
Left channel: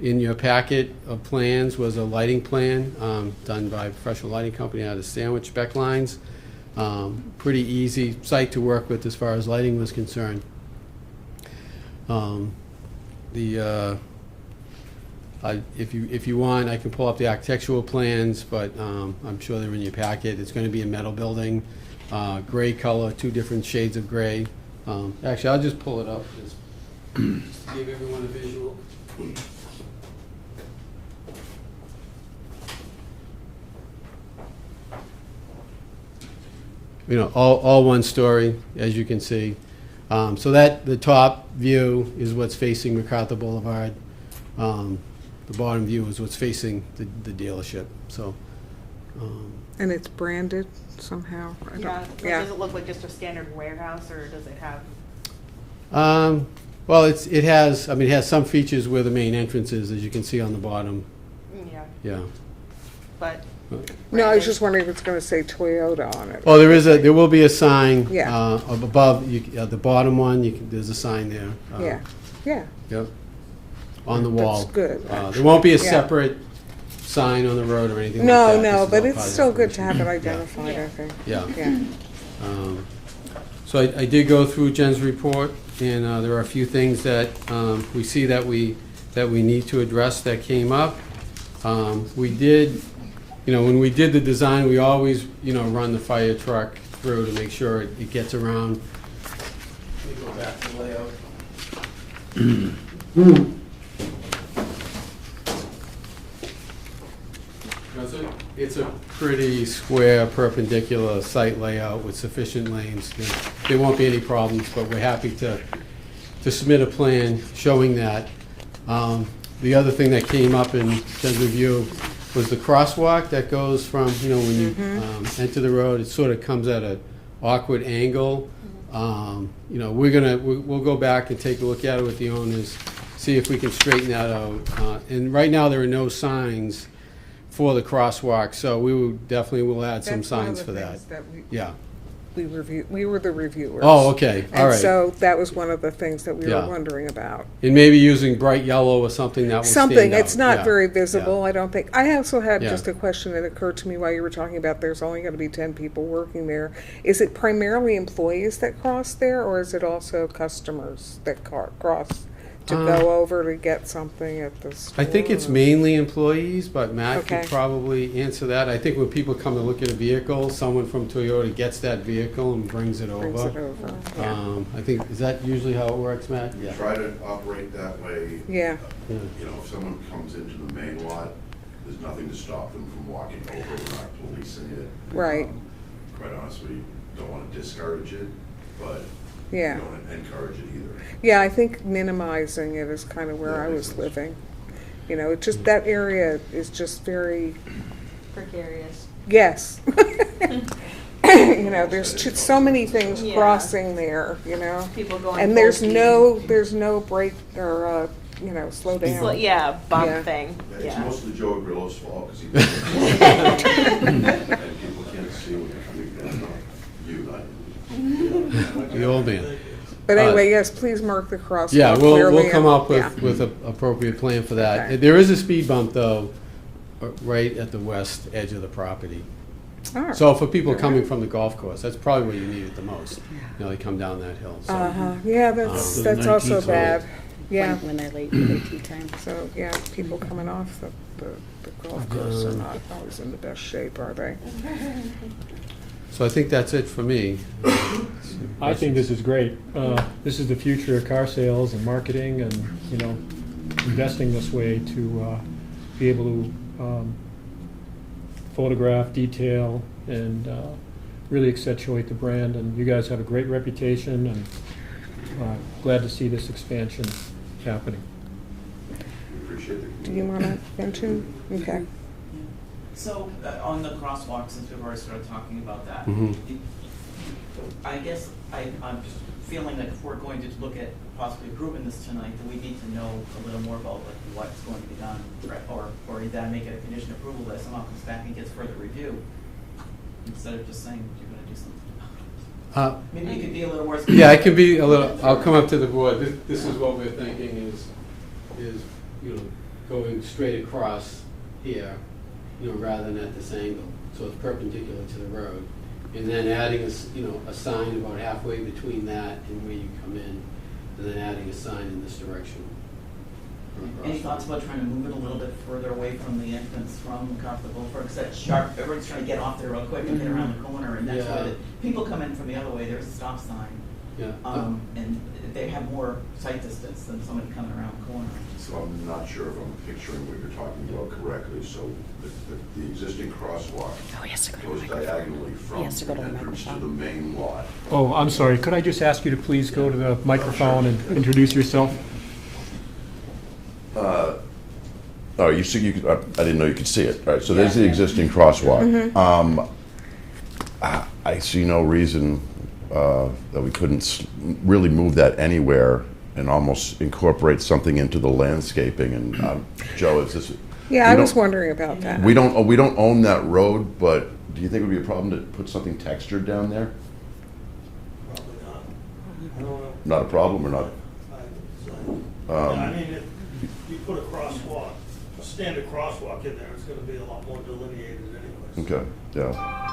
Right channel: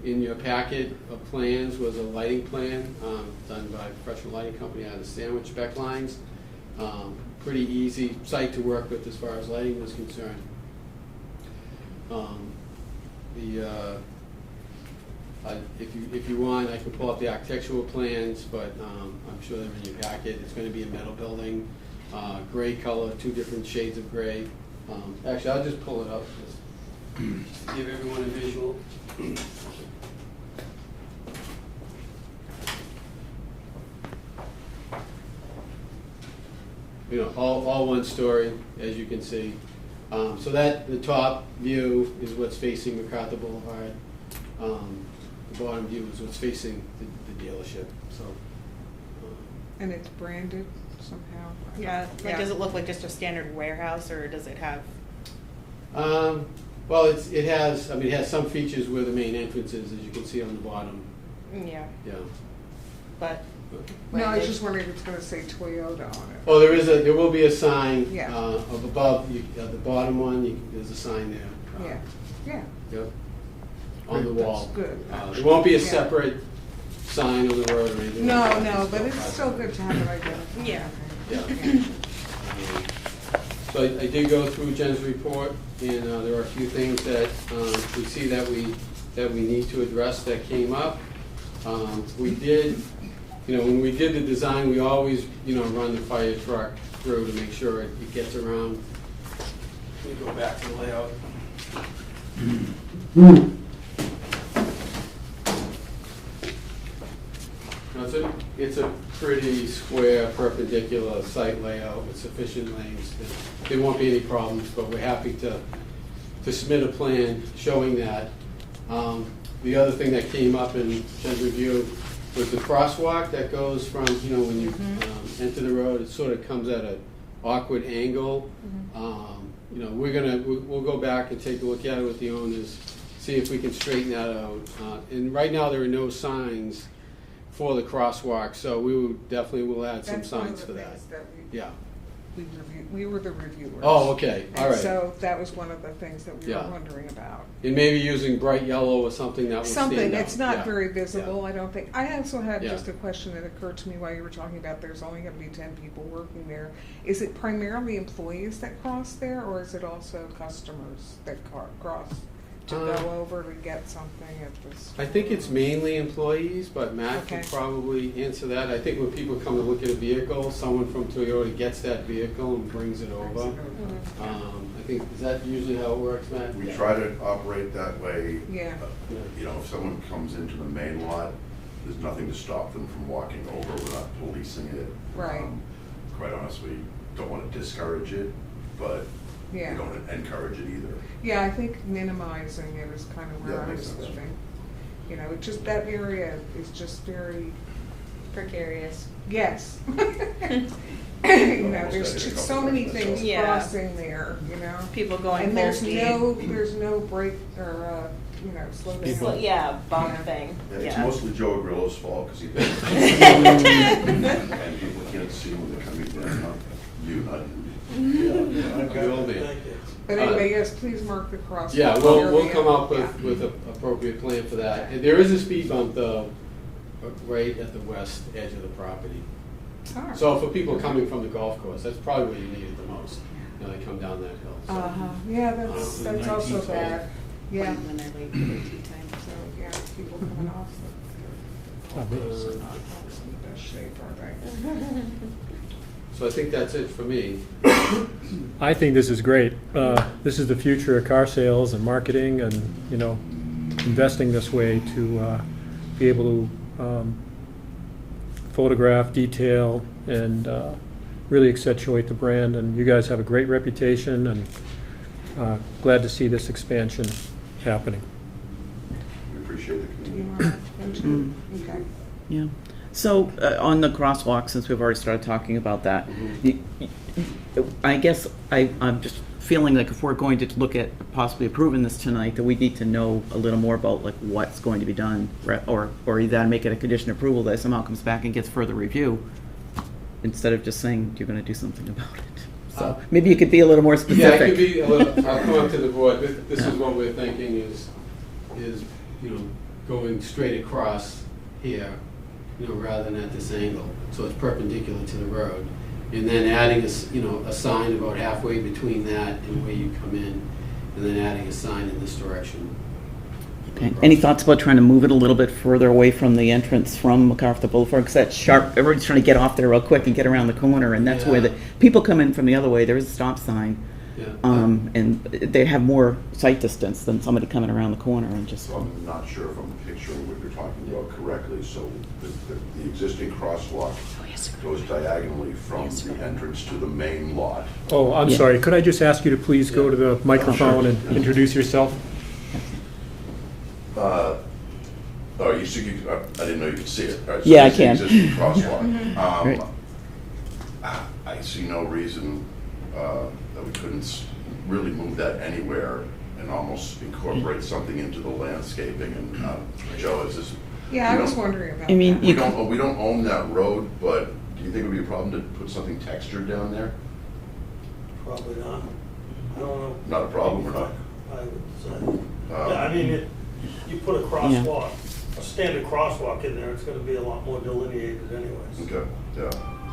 in your packet of plans was a lighting plan done by a professional lighting company out of Sandwich Beck Lines. Pretty easy site to work with as far as lighting was concerned. If you want, I can pull up the architectural plans, but I'm sure they're in your packet. It's going to be a metal building, gray color, 2 different shades of gray. Actually, I'll just pull it up just to give everyone a visual. You know, all one story, as you can see. So that the top view is what's facing MacArthur Boulevard. The bottom view is what's facing the dealership. So. And it's branded somehow. Yeah. Does it look like just a standard warehouse, or does it have? Well, it has some features where the main entrance is, as you can see on the bottom. Yeah. Yeah. But. No, I was just wondering if it's going to say Toyota on it. Well, there will be a sign. Yeah. Up above the bottom one. There's a sign there. Yeah. Yeah. Yep. On the wall. That's good. There won't be a separate sign on the road or anything No, like that. no, This but is it's all still private. good to have it identified, Yeah. I think. Yeah. Yeah. So I did go through Jen's report, and there are a few things that we see that we need to address that came up. We did, when we did the design, we always, run the fire truck through to make sure it gets around. Let me go back to the layout. It's a pretty square, perpendicular site layout with sufficient lanes. There won't be any problems, but we're happy to submit a plan showing that. The other thing that came up in Jen's review was the crosswalk that goes from, when you enter the road, it sort of comes at an awkward angle. We'll go back and take a look at it with the owners, see if we can straighten that out. And right now, there are no signs for the crosswalk, so we will add some That's one of signs the for that. things that Yeah. we were the reviewers. Oh, okay, all And right. so that was one of the things that we were Yeah. wondering about. And maybe using bright yellow or something that will stand Something, out. it's not Yeah. very visible, Yeah. I don't think. I also had Yeah. just a question that occurred to me while you were talking about there's only going to be 10 people working there. Is it primarily employees that cross there, or is it also customers that cross to go over to get something at the store? I think it's mainly employees, but Matt Okay. could probably answer that. I think when people come to look at a vehicle, someone from Toyota gets that vehicle and brings it over. Brings it over, yeah. I think, is that usually how it works, Matt? We try to operate that way. Yeah. If someone comes into the main lot, there's nothing to stop them from walking over. We're not policing it. Right. Quite honestly, don't want to discourage it, but we Yeah. don't encourage it either. Yeah, I think minimizing it is kind of where That I makes was sense. living. It just, that area is just very, Precarious. yes. There's so many things Yeah. crossing there, People going And full there's speed. no break or, slow down. Well, yeah, bump Yeah. thing. And it's Yeah. mostly Joe Grillo's fault because he and people can't see when they're coming down, not you, not you. The old man. But anyway, yes, please mark the crosswalk Yeah, clearly. we'll come up yeah. with an appropriate plan for that. Okay. There is a speed bump though, right at the west edge of the property. All right. So for people coming from the golf course, that's probably where you need it the most. You know, they come down that hill, so. Yeah, the that's also 19th bad. Yeah. When they're late for the tea time. So, yeah, people coming off the golf course are not always in the best shape, are they? So I think that's it for me. I think this is great. This is the future of car sales and marketing and, you know, investing this way to be able to photograph, detail, and really accentuate the brand. And you guys have a great reputation, and glad to see this expansion happening. We appreciate it. Do you want to mention? Okay. Yeah. So, on the crosswalk, since we've already started talking about that, I guess I'm just feeling like if we're going to look at possibly approving this tonight, that we need to know a little more about like what's going to be done, or either make it a condition of approval that somehow comes back and gets further review, instead of just saying you're going to do something about it. So maybe you could be a little more specific. Yeah, it could be a little, I'll come up to the board. This is what we're thinking is, you know, going straight across here, you know, rather than at this angle. So it's perpendicular to the road. And then adding a sign about halfway between that and where you come in, and then adding a sign in this direction. Okay. Any thoughts about trying to move it a little bit further away from the entrance from MacArthur Boulevard? Because that's sharp, everyone's trying to get off there real quick and get around the corner, and that's where the people come in from the other way. There's a stop sign. Yeah. And they have more sight distance than somebody coming around the corner and just. So I'm not sure if I'm picturing what you're talking about correctly. So the existing crosswalk goes diagonally from the entrance to the main lot. Oh, I'm sorry. Could I just ask you to please go to the microphone and introduce yourself? Oh, you see, I didn't know you could see it. All right, so Yeah, there's the I can. existing crosswalk. Right. I see no reason that we couldn't really move that anywhere and almost incorporate something into the landscaping. And Joe, is this? Yeah, I was wondering about that. We don't own that road, but do you think it would be a problem to put something textured down there? Probably not. I don't know. Not a problem or not? I would say. I mean, if you put a crosswalk, a standard crosswalk in there, it's gonna be a lot more delineated anyways. Okay, yeah.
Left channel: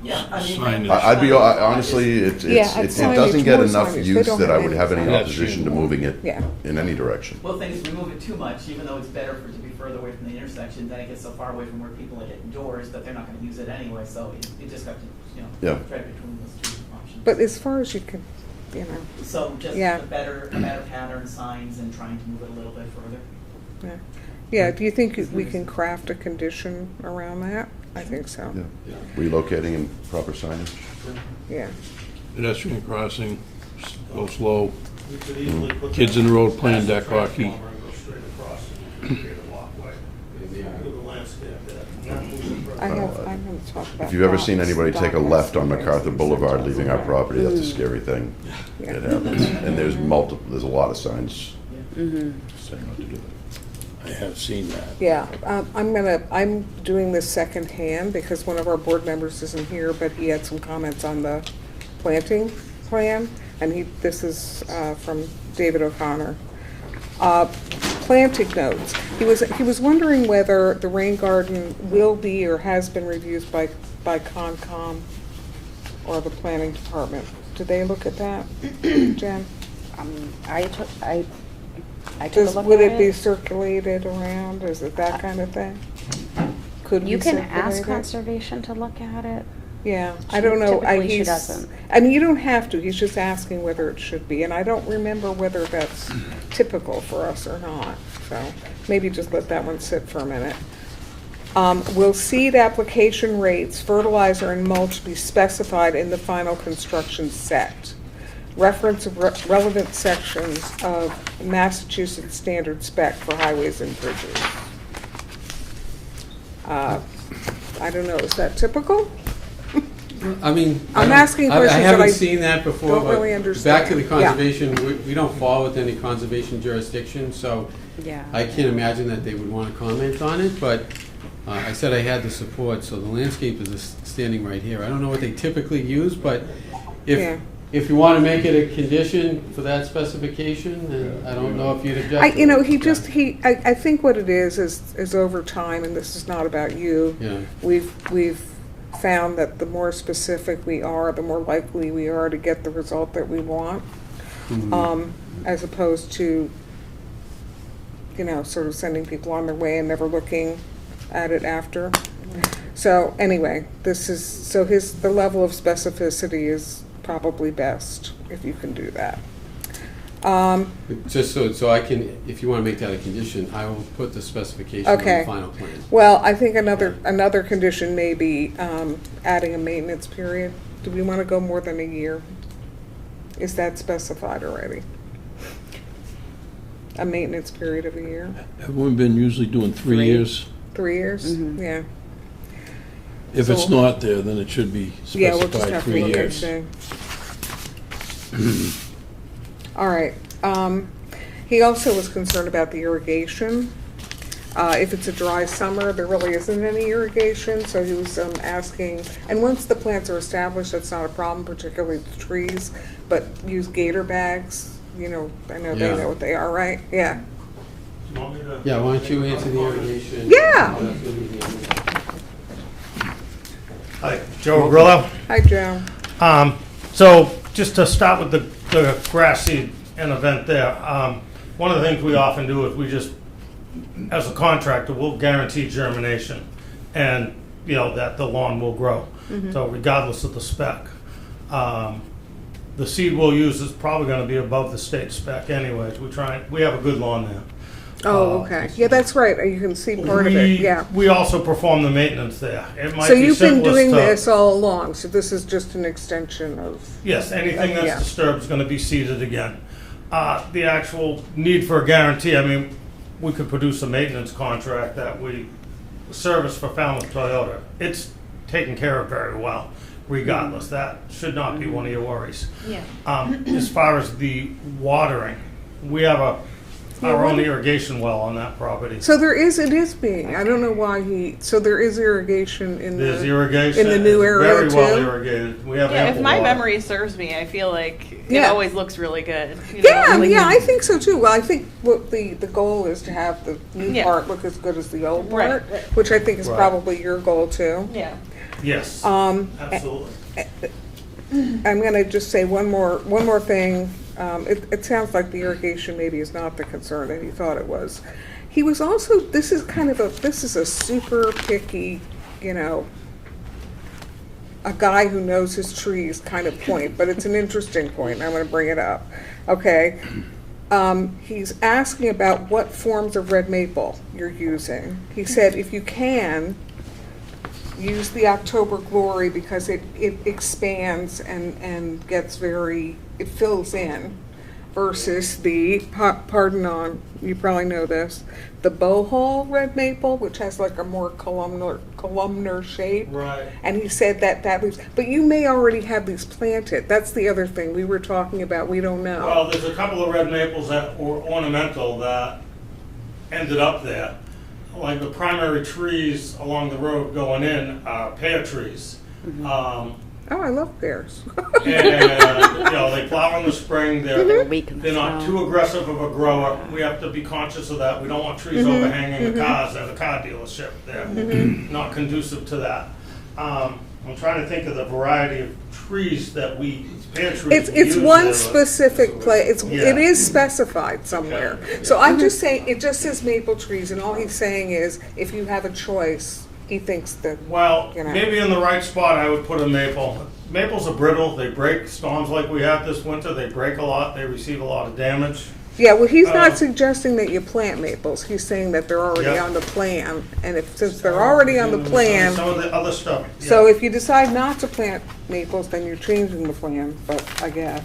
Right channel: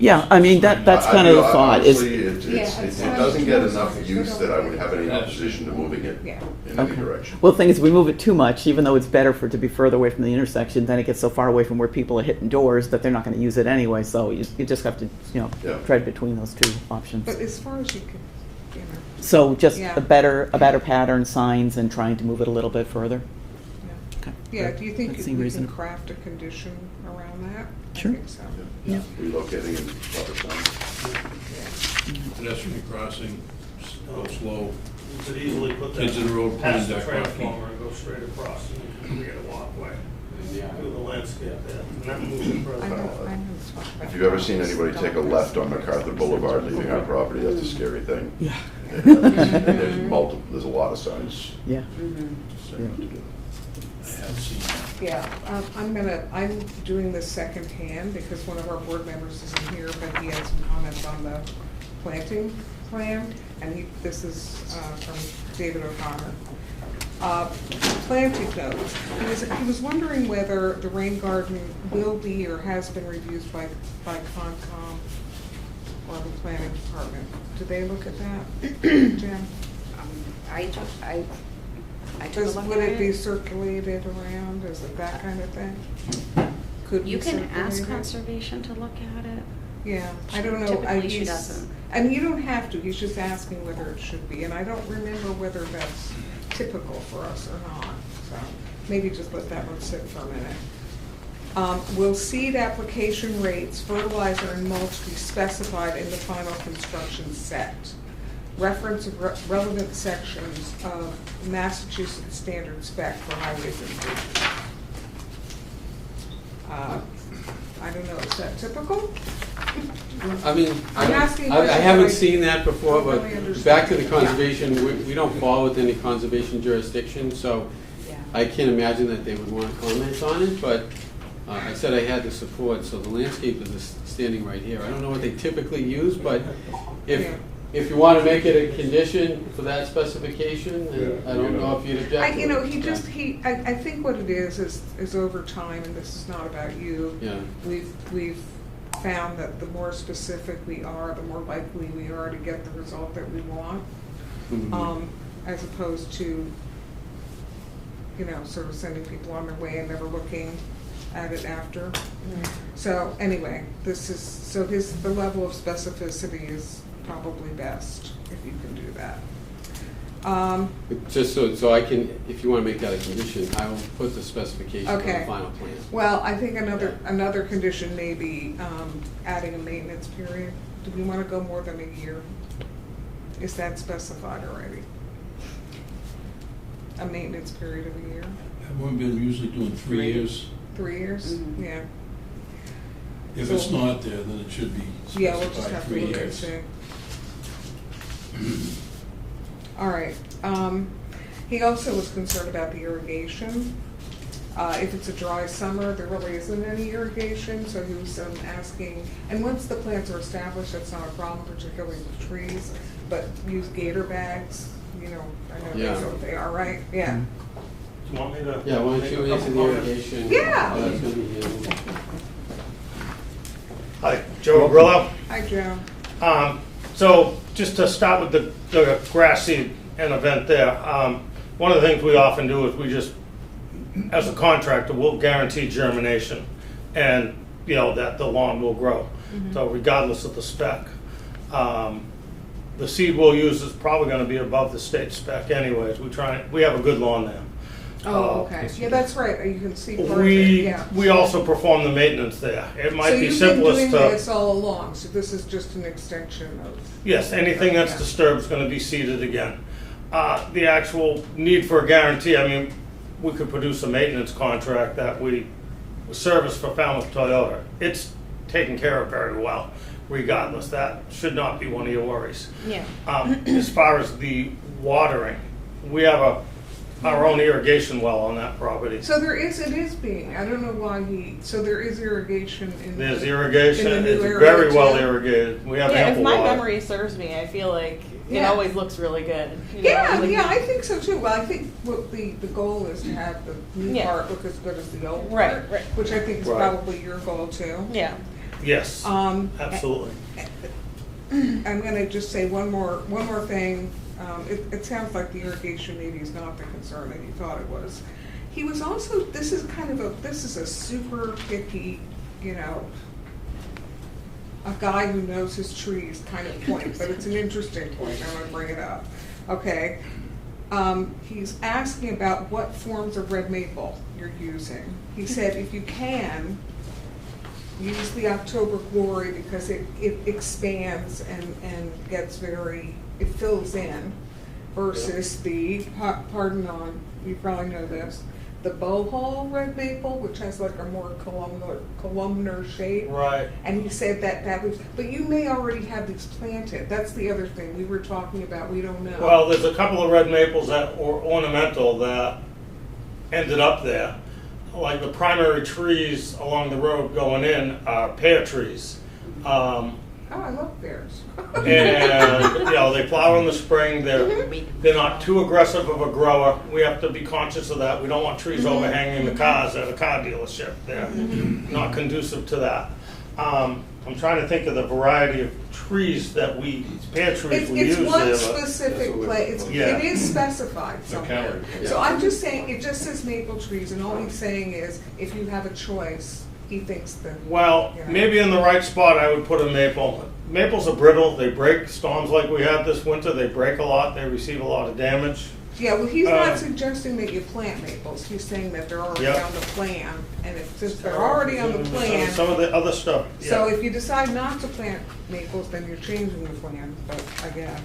Yeah, I mean, that's kind of the thought. Honestly, it doesn't get enough signage. They use don't that have I would any have any signage. opposition to moving it Yeah. in any direction. Well, the thing is, we move it too much, even though it's better for it to be further away from the intersection, then it gets so far away from where people are hitting doors that they're not gonna use it anyway, so you just have to, tread between those two options. But as far as you can, So just Yeah. a better pattern, signs, and trying to move it a little bit further. yeah, do you think Seems we can reasonable. craft a condition around that? Sure. I think so. Yeah. Relocating in proper time. Yeah. Pedestrian crossing, go slow. You could easily put that Kids in the road playing past the deck hockey. transformer and go straight across and create a walkway through the landscape there. And then move it further. I haven't talked about If you've ever that. seen anybody take a left on MacArthur Boulevard leaving our property, that's a scary thing. Yeah. It happens. And there's a lot of signs Yeah. saying not to do that. I have seen that. Yeah, I'm doing this secondhand because one of our board members isn't here, but he had some comments on the planting plan, and this is from David O'Connor. Planting notes. He was wondering whether the rain garden will be or has been reviewed by Concom or the planning department. Did they look at that, Jen? I took a look Would at it be circulated around? Is it that kind of thing? Could You be can ask circulated? conservation to look at it. Yeah, I don't know. Typically she He's- doesn't. I mean, you don't have to. He's just asking whether it should be, and I don't remember whether that's typical for us or not. So maybe just let that one sit for a minute. Will seed application rates, fertilizer, and mulch be specified in the final construction set? Reference of relevant sections of Massachusetts standard spec for highways and bridges. I don't know, is that typical? I mean, I'm asking I questions that haven't I seen that before, don't but really understand. back to the Yeah. conservation, we don't fall within the conservation jurisdiction, so Yeah. I can't imagine that they would want to comment on it, but I said I had the support, so the landscapers are standing right here. I don't know what they typically use, but Yeah. if you want to make it a condition for that specification, then I don't know if you'd object. I, to you know, it. I think what it is over time, and this is not about you. Yeah. We've found that the more specific we are, the more likely we are to get the result that we want, as opposed to, you know, sort of sending people on their way and never looking at it after. So anyway, the level of specificity is probably best if you can do that. Just so I can, if you want to make that a condition, I will put the specification on the Okay. final plan. Well, I think another condition may be adding a maintenance period. Do we want to go more than a year? Is that specified already? A maintenance period of a year? Have we been usually doing 3 years? 3 years? Yeah. If it's So- not there, then it should be Yeah, we'll just specified have to 3 look and years. see. All right. He also was concerned about the irrigation. If it's a dry summer, there really isn't any irrigation, so he was asking, and once the plants are established, that's not a problem, particularly the trees, but use gator bags, you know, I know they Yeah. know what they are, right? Yeah. Do you want me to? Yeah, why don't you answer the irrigation? Yeah. How that's gonna be handled. Hi, Joe Grillo. Hi, Joe. So just to start with the grass seed and event there, one of the things we often do is we just, as a contractor, we'll guarantee germination and, you know, that the lawn will grow. So regardless of the spec. The seed we'll use is probably gonna be above the state spec anyways. We have a good lawn there. Oh, okay. Yeah, that's right. You can see part of it, yeah. We also perform the maintenance there. It might So be you've been simplest doing to. this all along, so this is just an extension of, Yes, anything that's Yeah. disturbed is gonna be seeded again. The actual need for a guarantee, I mean, we could produce a maintenance contract that we service for Falmouth Toyota. It's taken care of very well, regardless. That should not be one of your worries. Yeah. As far as the watering, we have our own irrigation well on that property. so it is being, I don't know why so there is irrigation in the. There's irrigation, in the new it's area very well too? irrigated. We have Yeah, if ample my water. memory serves me, I feel like it Yeah. always looks really good. You know, Yeah, like yeah, the- I think so too. Well, I think what the goal is to have the new Yeah. part look as good as the old Right, part, right. which I think is Right. probably your goal too. Yeah. Yes, absolutely. I'm gonna just say one more thing. It sounds like the irrigation maybe is not the concern that he thought it was. He was also, this is a super picky, you know, a guy who knows his trees kind of point, but it's an interesting point. I'm gonna bring it up. Okay. He's asking about what forms of red maple you're using. He said if you can, use the October Glory because it expands and gets it fills in, versus the, pardon on, you probably know this, the Bohol red maple, which has like a more columnar shape. Right. And he said that leaves, but you may already have these planted. That's the other thing we were talking about, we don't know. Well, there's a couple of red maples that were ornamental that ended up there. Like the primary trees along the road going in are pear trees. Oh, I love pears. And, you know, they flower in the spring, they're not too aggressive of a grower. We have to be conscious of that. We don't want trees overhanging the cars at a car dealership. They're not conducive to that. I'm trying to think of the variety of trees that pear trees we use It's one there, but- specific place, Yeah. it is specified somewhere. Okay. So I'm just saying, it just says maple trees, and all he's saying is, if you have a choice, he thinks that, Well, you know. maybe in the right spot I would put a maple. Maples are brittle, they break, storms like we had this winter, they break a lot, they receive a lot of damage. yeah, well, he's not Uh, suggesting that you plant maples, he's saying that they're already Yeah. on the plan, and since they're already on the plan, Some of the other stuff. so yeah. if you decide not to plant maples, then you're changing the plan, but I guess.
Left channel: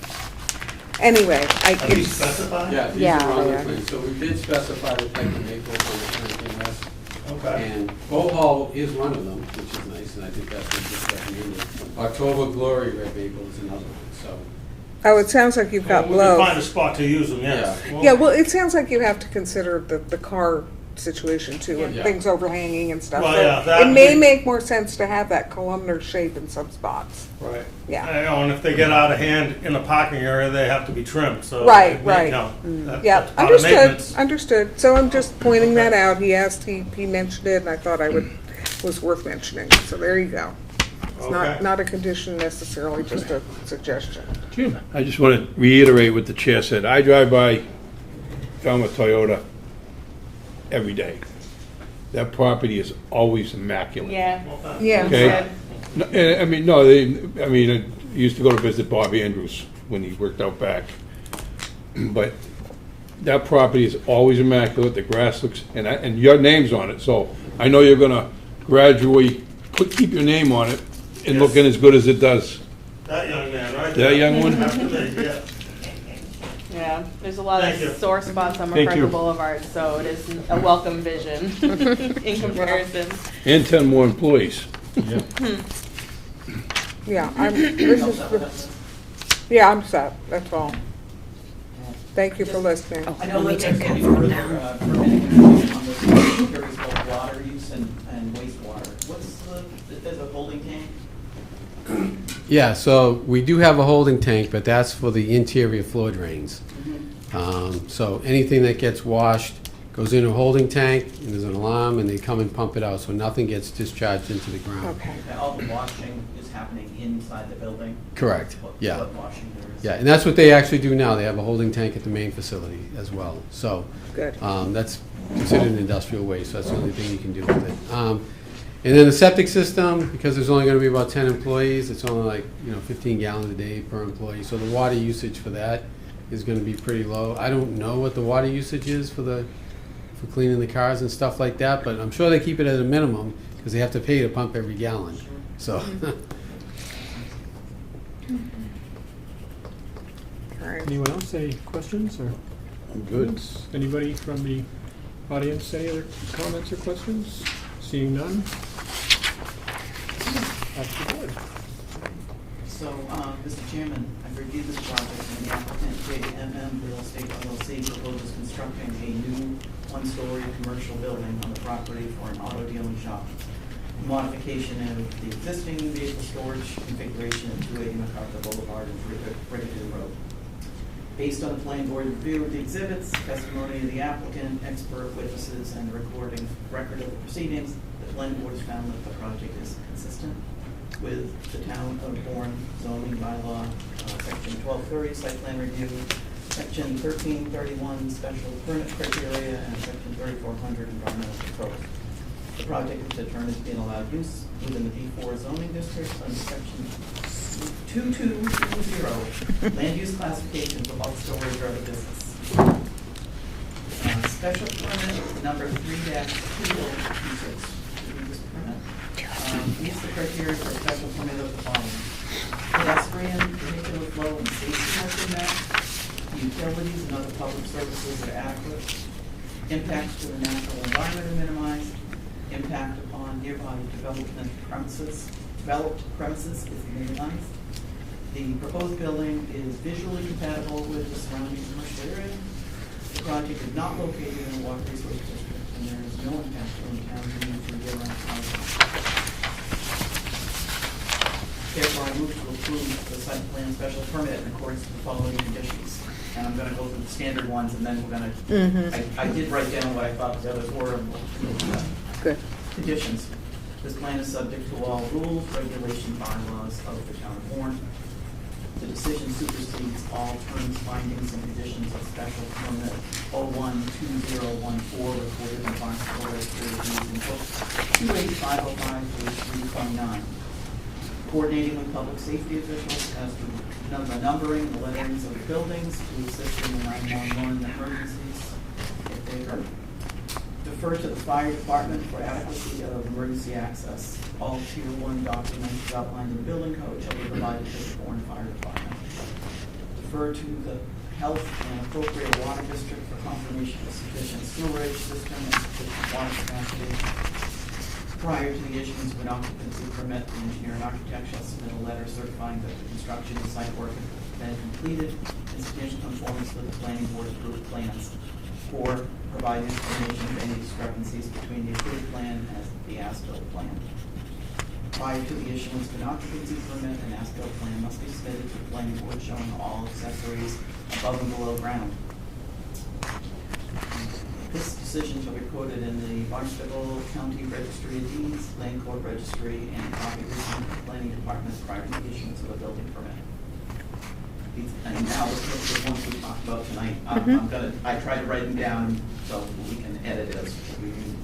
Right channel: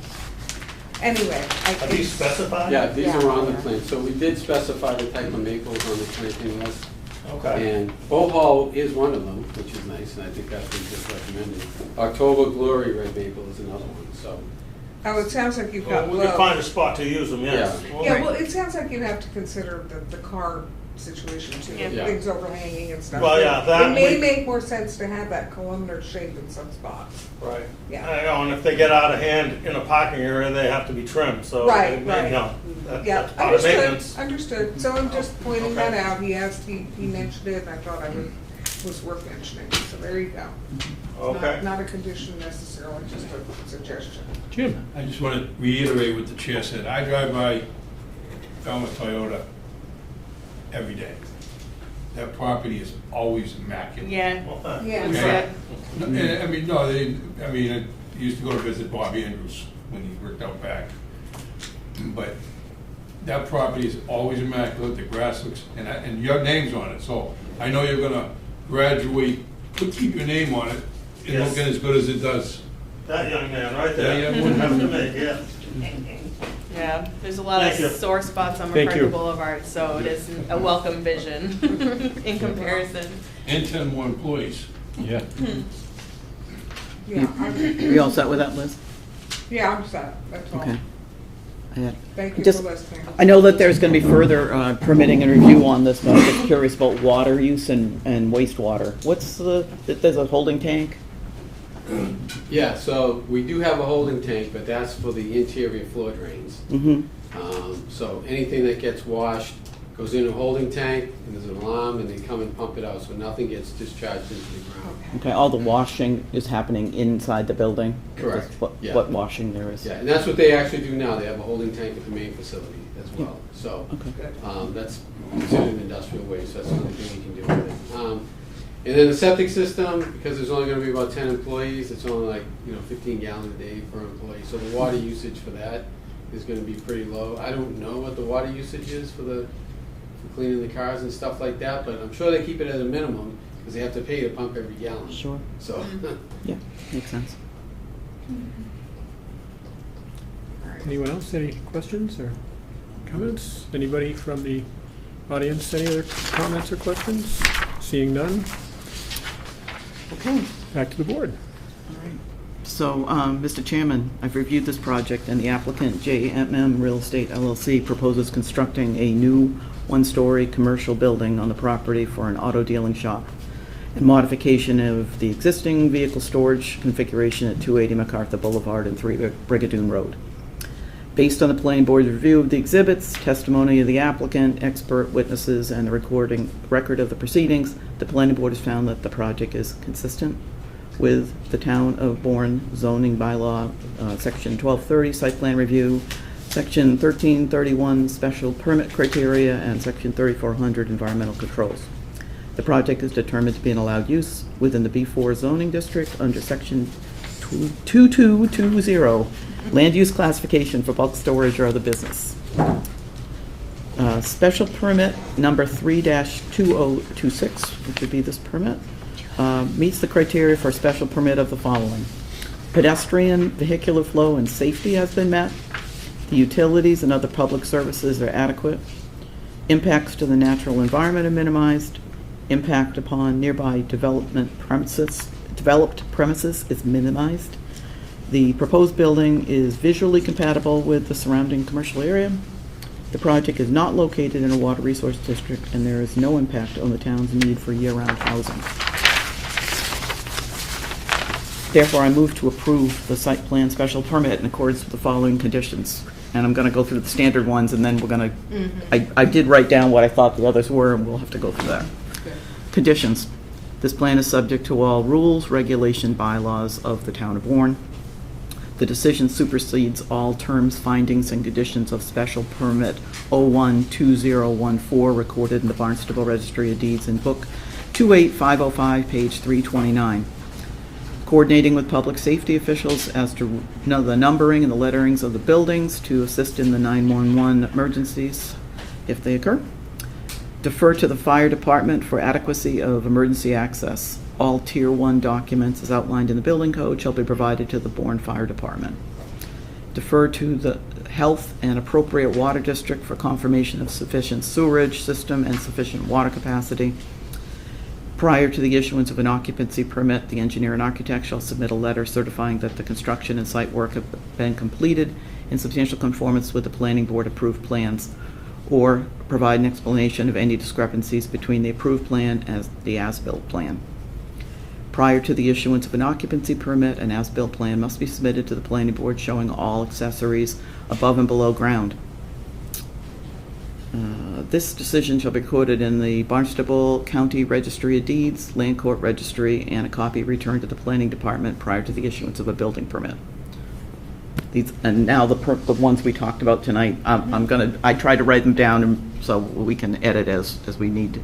Anyway, Are these specified? Yeah, these Yeah, are on the they are. plan, so we did specify the type of maples on the planting list. Okay. And Bohol is one of them, which is nice, and I think that's what just recommended. October Glory red maple is another one, so. oh, it sounds like you've got We could both. find a spot to use them, yes. Yeah. Yeah, well, it sounds like you have to consider the car situation too, and Yeah. things overhanging and stuff. Well, So yeah, that it may we- make more sense to have that columnar shape in some spots. Right. Yeah. And if they get out of hand in the parking area, they have to be trimmed, so. Right, you right. know, that- Yeah, that's part of understood, maintenance. understood. So I'm just pointing that Okay. out. He asked, he mentioned it, and I thought was worth mentioning. So there you go. It's Okay. not a condition necessarily, just a suggestion. Jim? I just want to reiterate what the chair said. I drive by Falmouth Toyota every day. That property is always immaculate. Yeah. Yeah. Okay. No, and, I mean, no, I used to go to visit Bob Andrews when he worked out back. But that property is always immaculate, the grass looks, and your name's on it, so I know you're gonna gradually keep your name on it and Yes. looking as good as it does. That young man, right That there. young one? Have to make, yeah. Yeah, there's a lot Thank you. of sore spots on Thank you. McCracken Boulevard, so it is a welcome vision in comparison. And 10 more employees. Yeah. Yeah, You all set with that, Liz? Yeah, I'm set, that's all. Okay. Yeah. Thank you Just- for listening. I know that there's gonna be further permitting and review on this, but I'm just curious about water use and wastewater. There's a holding tank? Yeah, so we do have a holding tank, but that's for the interior floor drains. Mm-hmm. So anything that gets washed goes in a holding tank, and there's an alarm, and they come and pump it out, so nothing gets discharged into the ground. Okay. Okay, all the washing is happening inside the building? Correct, yeah. What washing there is? Yeah, and that's what they actually do now. They have a holding tank at the main facility as well. So Good. that's considered an industrial waste. That's the only thing you can do with it. And then the septic system, because there's only going to be about 10 employees, it's only like 15 gallons a day per employee. So the water usage for that is going to be pretty low. I don't know what the water usage is for cleaning the cars and stuff like that, but I'm sure they keep it at a minimum because they have to pay to pump every gallon. Sure. So. Yeah, makes sense. All right. Anyone else, any questions or comments? Anybody from the audience, any other comments or questions? Seeing none? Back to the board. So, Mr. Chairman, I've reviewed this project, and the applicant, JMM Real Estate LLC, proposes constructing a new one-story commercial building on the property for an auto dealing shop and modification of the existing vehicle storage configuration at 280 MacArthur Boulevard and 3 Brigadoon Road. Based on the planning board's review of the exhibits, testimony of the applicant, expert witnesses, and the record of the proceedings, the planning board has found that the project is consistent with the town of Bourne zoning bylaw, section 1230, site plan review, section 1331, special permit criteria, and section 3400, environmental controls. The project is determined to be an allowed use within the B4 zoning district under section 2220, land use classification for bulk storage or other business. Special permit number 3-2026, which would be this permit, meets the criteria for special permit of the following. Pedestrian, vehicular flow, and safety has been met. The utilities and other public services are adequate. Impacts to the natural environment are minimized. Impact upon nearby developed premises is minimized. The proposed building is visually compatible with the surrounding commercial area. The project is not located in a water resource district, and there is no impact on the town's need for year-round housing. Therefore, I move to approve the site plan special permit in accordance with the following conditions. And I'm gonna go through the standard ones, and then we're gonna, I did write down what I thought the others were, and we'll have to go through that. Good. Conditions. This plan is subject to all rules, regulation, bylaws of the town of Warren. The decision supersedes all terms, findings, and conditions of special permit 012014 recorded in the Barnstable Registry of Deeds in Book 28505, page 329. Coordinating with public safety officials as to the numbering and the letterings of the buildings to assist in the 911 emergencies if they occur. Defer to the fire department for adequacy of emergency access. All Tier 1 documents as outlined in the building code shall be provided to the Bourne Fire Department. Defer to the health and appropriate water district for confirmation of sufficient sewerage system and sufficient water capacity. Prior to the issuance of an occupancy permit, the engineer and architect shall submit a letter certifying that the construction and site work have been completed in substantial conformance with the planning board approved plans. or provide an explanation of any discrepancies between the approved plan and the as-built plan. Prior to the issuance of an occupancy permit, an as-built plan must be submitted to the planning board showing all accessories above and below ground. This decision shall be recorded in the Barnstable County Registry of Deeds, Land Court Registry, and a copy returned to the planning department prior to the issuance of a building permit. These, and now the ones we talked about tonight, I tried to write them down and so we can edit as we need to,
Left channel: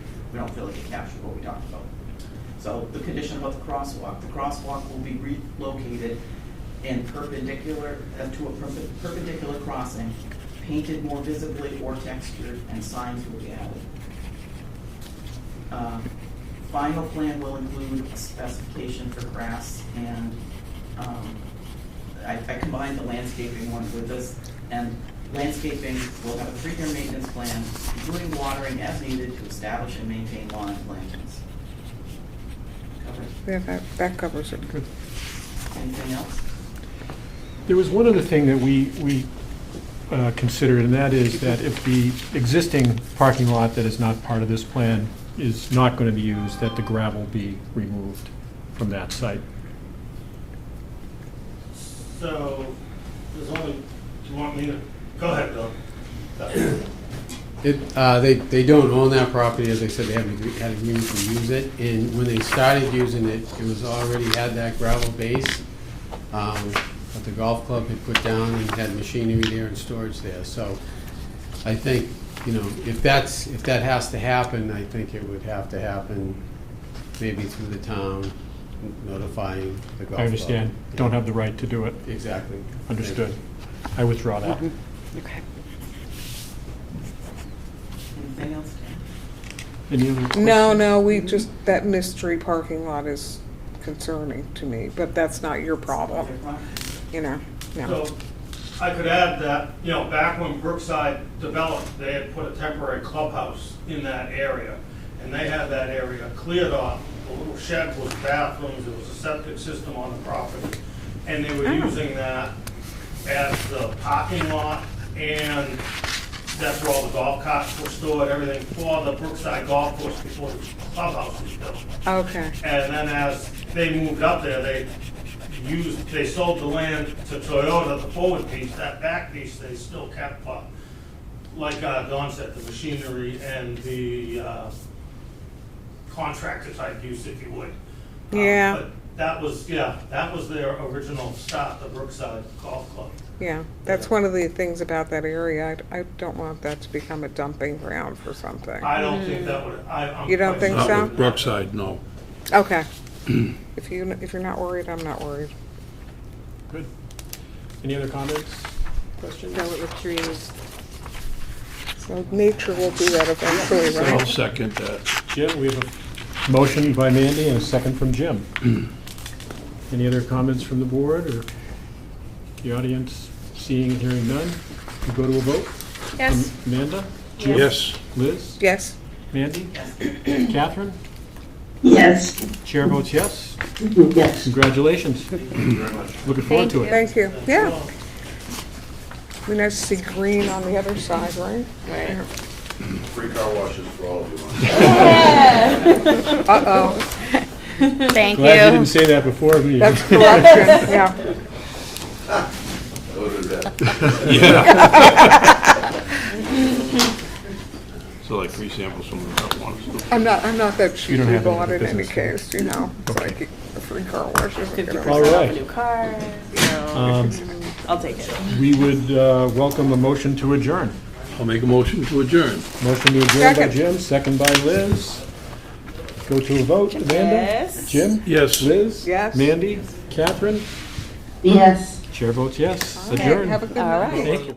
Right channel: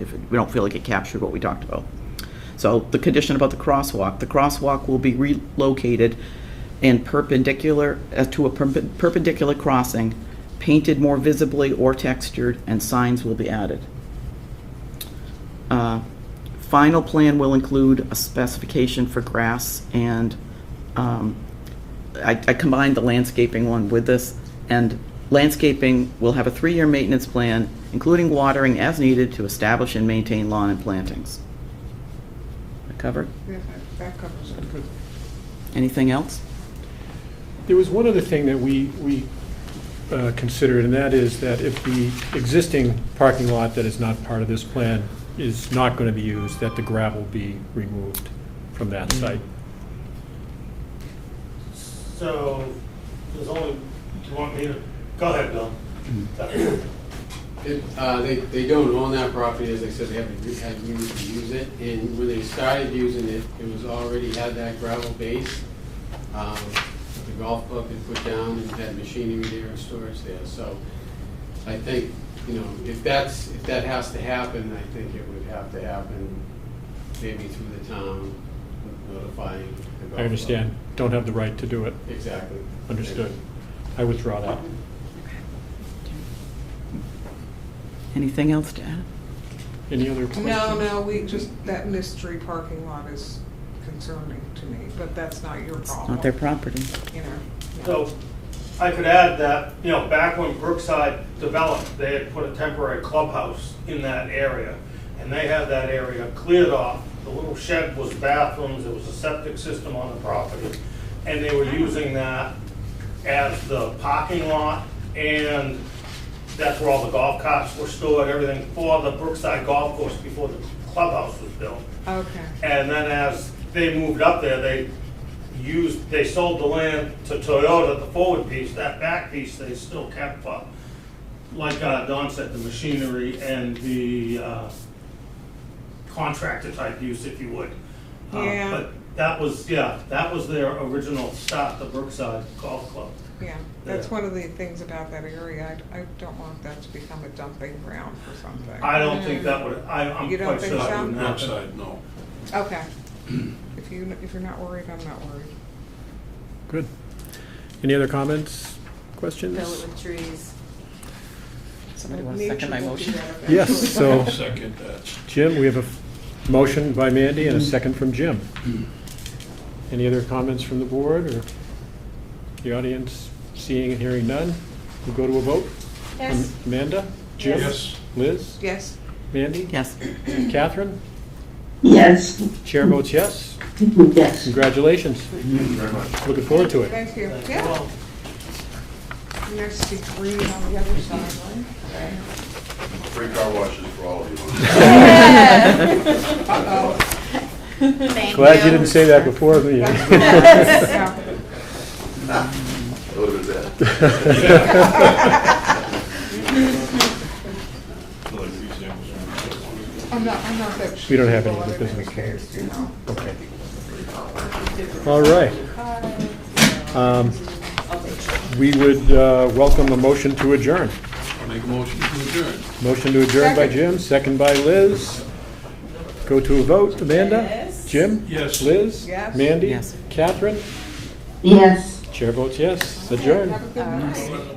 if we don't feel like it captured what we talked about. So the condition about the crosswalk will be relocated and perpendicular to a perpendicular crossing, painted more visibly or textured, and signs will be added. Final plan will include a specification for grass and I combined the landscaping one with this, and landscaping will have a 3-year maintenance plan, including watering as needed to establish and maintain lawn and plantings. That covered? Yeah, that covers it. Good. Anything else? There was one other thing that we considered, and that is that if the existing parking lot that is not part of this plan is not going to be used, that the gravel be removed from that site. So, there's only, do you want me to, go ahead, Bill. They don't own that property, as I said, they haven't had agreement to use it, and when they started using it, it was already had that gravel base, that the golf club had put down and had machinery there and storage there, so I think, you know, if that has to happen, I think it would have to happen maybe through the town notifying the golf club. I understand. Don't have the right to do it. Exactly. Understood. I withdraw that. Okay. Anything else to add? Any other questions? No, we just, that mystery parking lot is concerning to me, but that's not your problem. Not their property. You know, no. So, I could add that, you know, back when Brookside developed, they had put a temporary clubhouse in that area, and they had that area cleared off. The little shed was bathrooms, there was a septic system on the property, and they were using that as the parking lot, and that's where all the golf carts were stored, everything for the Brookside Golf Course before the clubhouse was built. Okay. And then as they moved up there, they sold the land to Toyota, the forward piece. That back piece they still kept, like Don said, the machinery and the contractor type use, if you would. Yeah. But that was their original start, the Brookside Golf Club. Yeah, that's one of the things about that area. I don't want that to become a dumping ground for something. I don't think that would, I'm You don't quite think sure so? it wouldn't happen. Brookside, no. Okay. If you're not worried, I'm not worried. Good. Any other comments, questions? No, the trees. So nature will do that Yeah, eventually, so- right? I'll second that. Jim, we have a motion by Mandy and a second from Jim. Any other comments from the board or the audience? Seeing and hearing none, we go to a vote. Yes. Amanda? Jim? Yes. Liz? Yes. Mandy? Yes. Catherine? Yes. Chair votes yes. Yes. Congratulations. Thank you very much. Looking forward to it. Thank you. Yeah. Be nice to see green on the other side, right? Free car washes for all of you. Uh-oh. Thank Glad you didn't say that before the That's correct. Yeah. A little bit of that. So like we samples from marijuana. I'm not that We don't have cheap any on other it in any business. case, you know. It's Okay. like the free car wash. All right. Um, I'll take it. We would welcome the motion to adjourn. I'll make a motion to adjourn. Motion to adjourn by Second. Jim, second by Liz. Go to a vote. Amanda? Yes. Jim? Yes. Liz? Yes. Mandy? Yes. Catherine? Yes. Chair votes yes. Okay, Adjourn. have a good All night. right.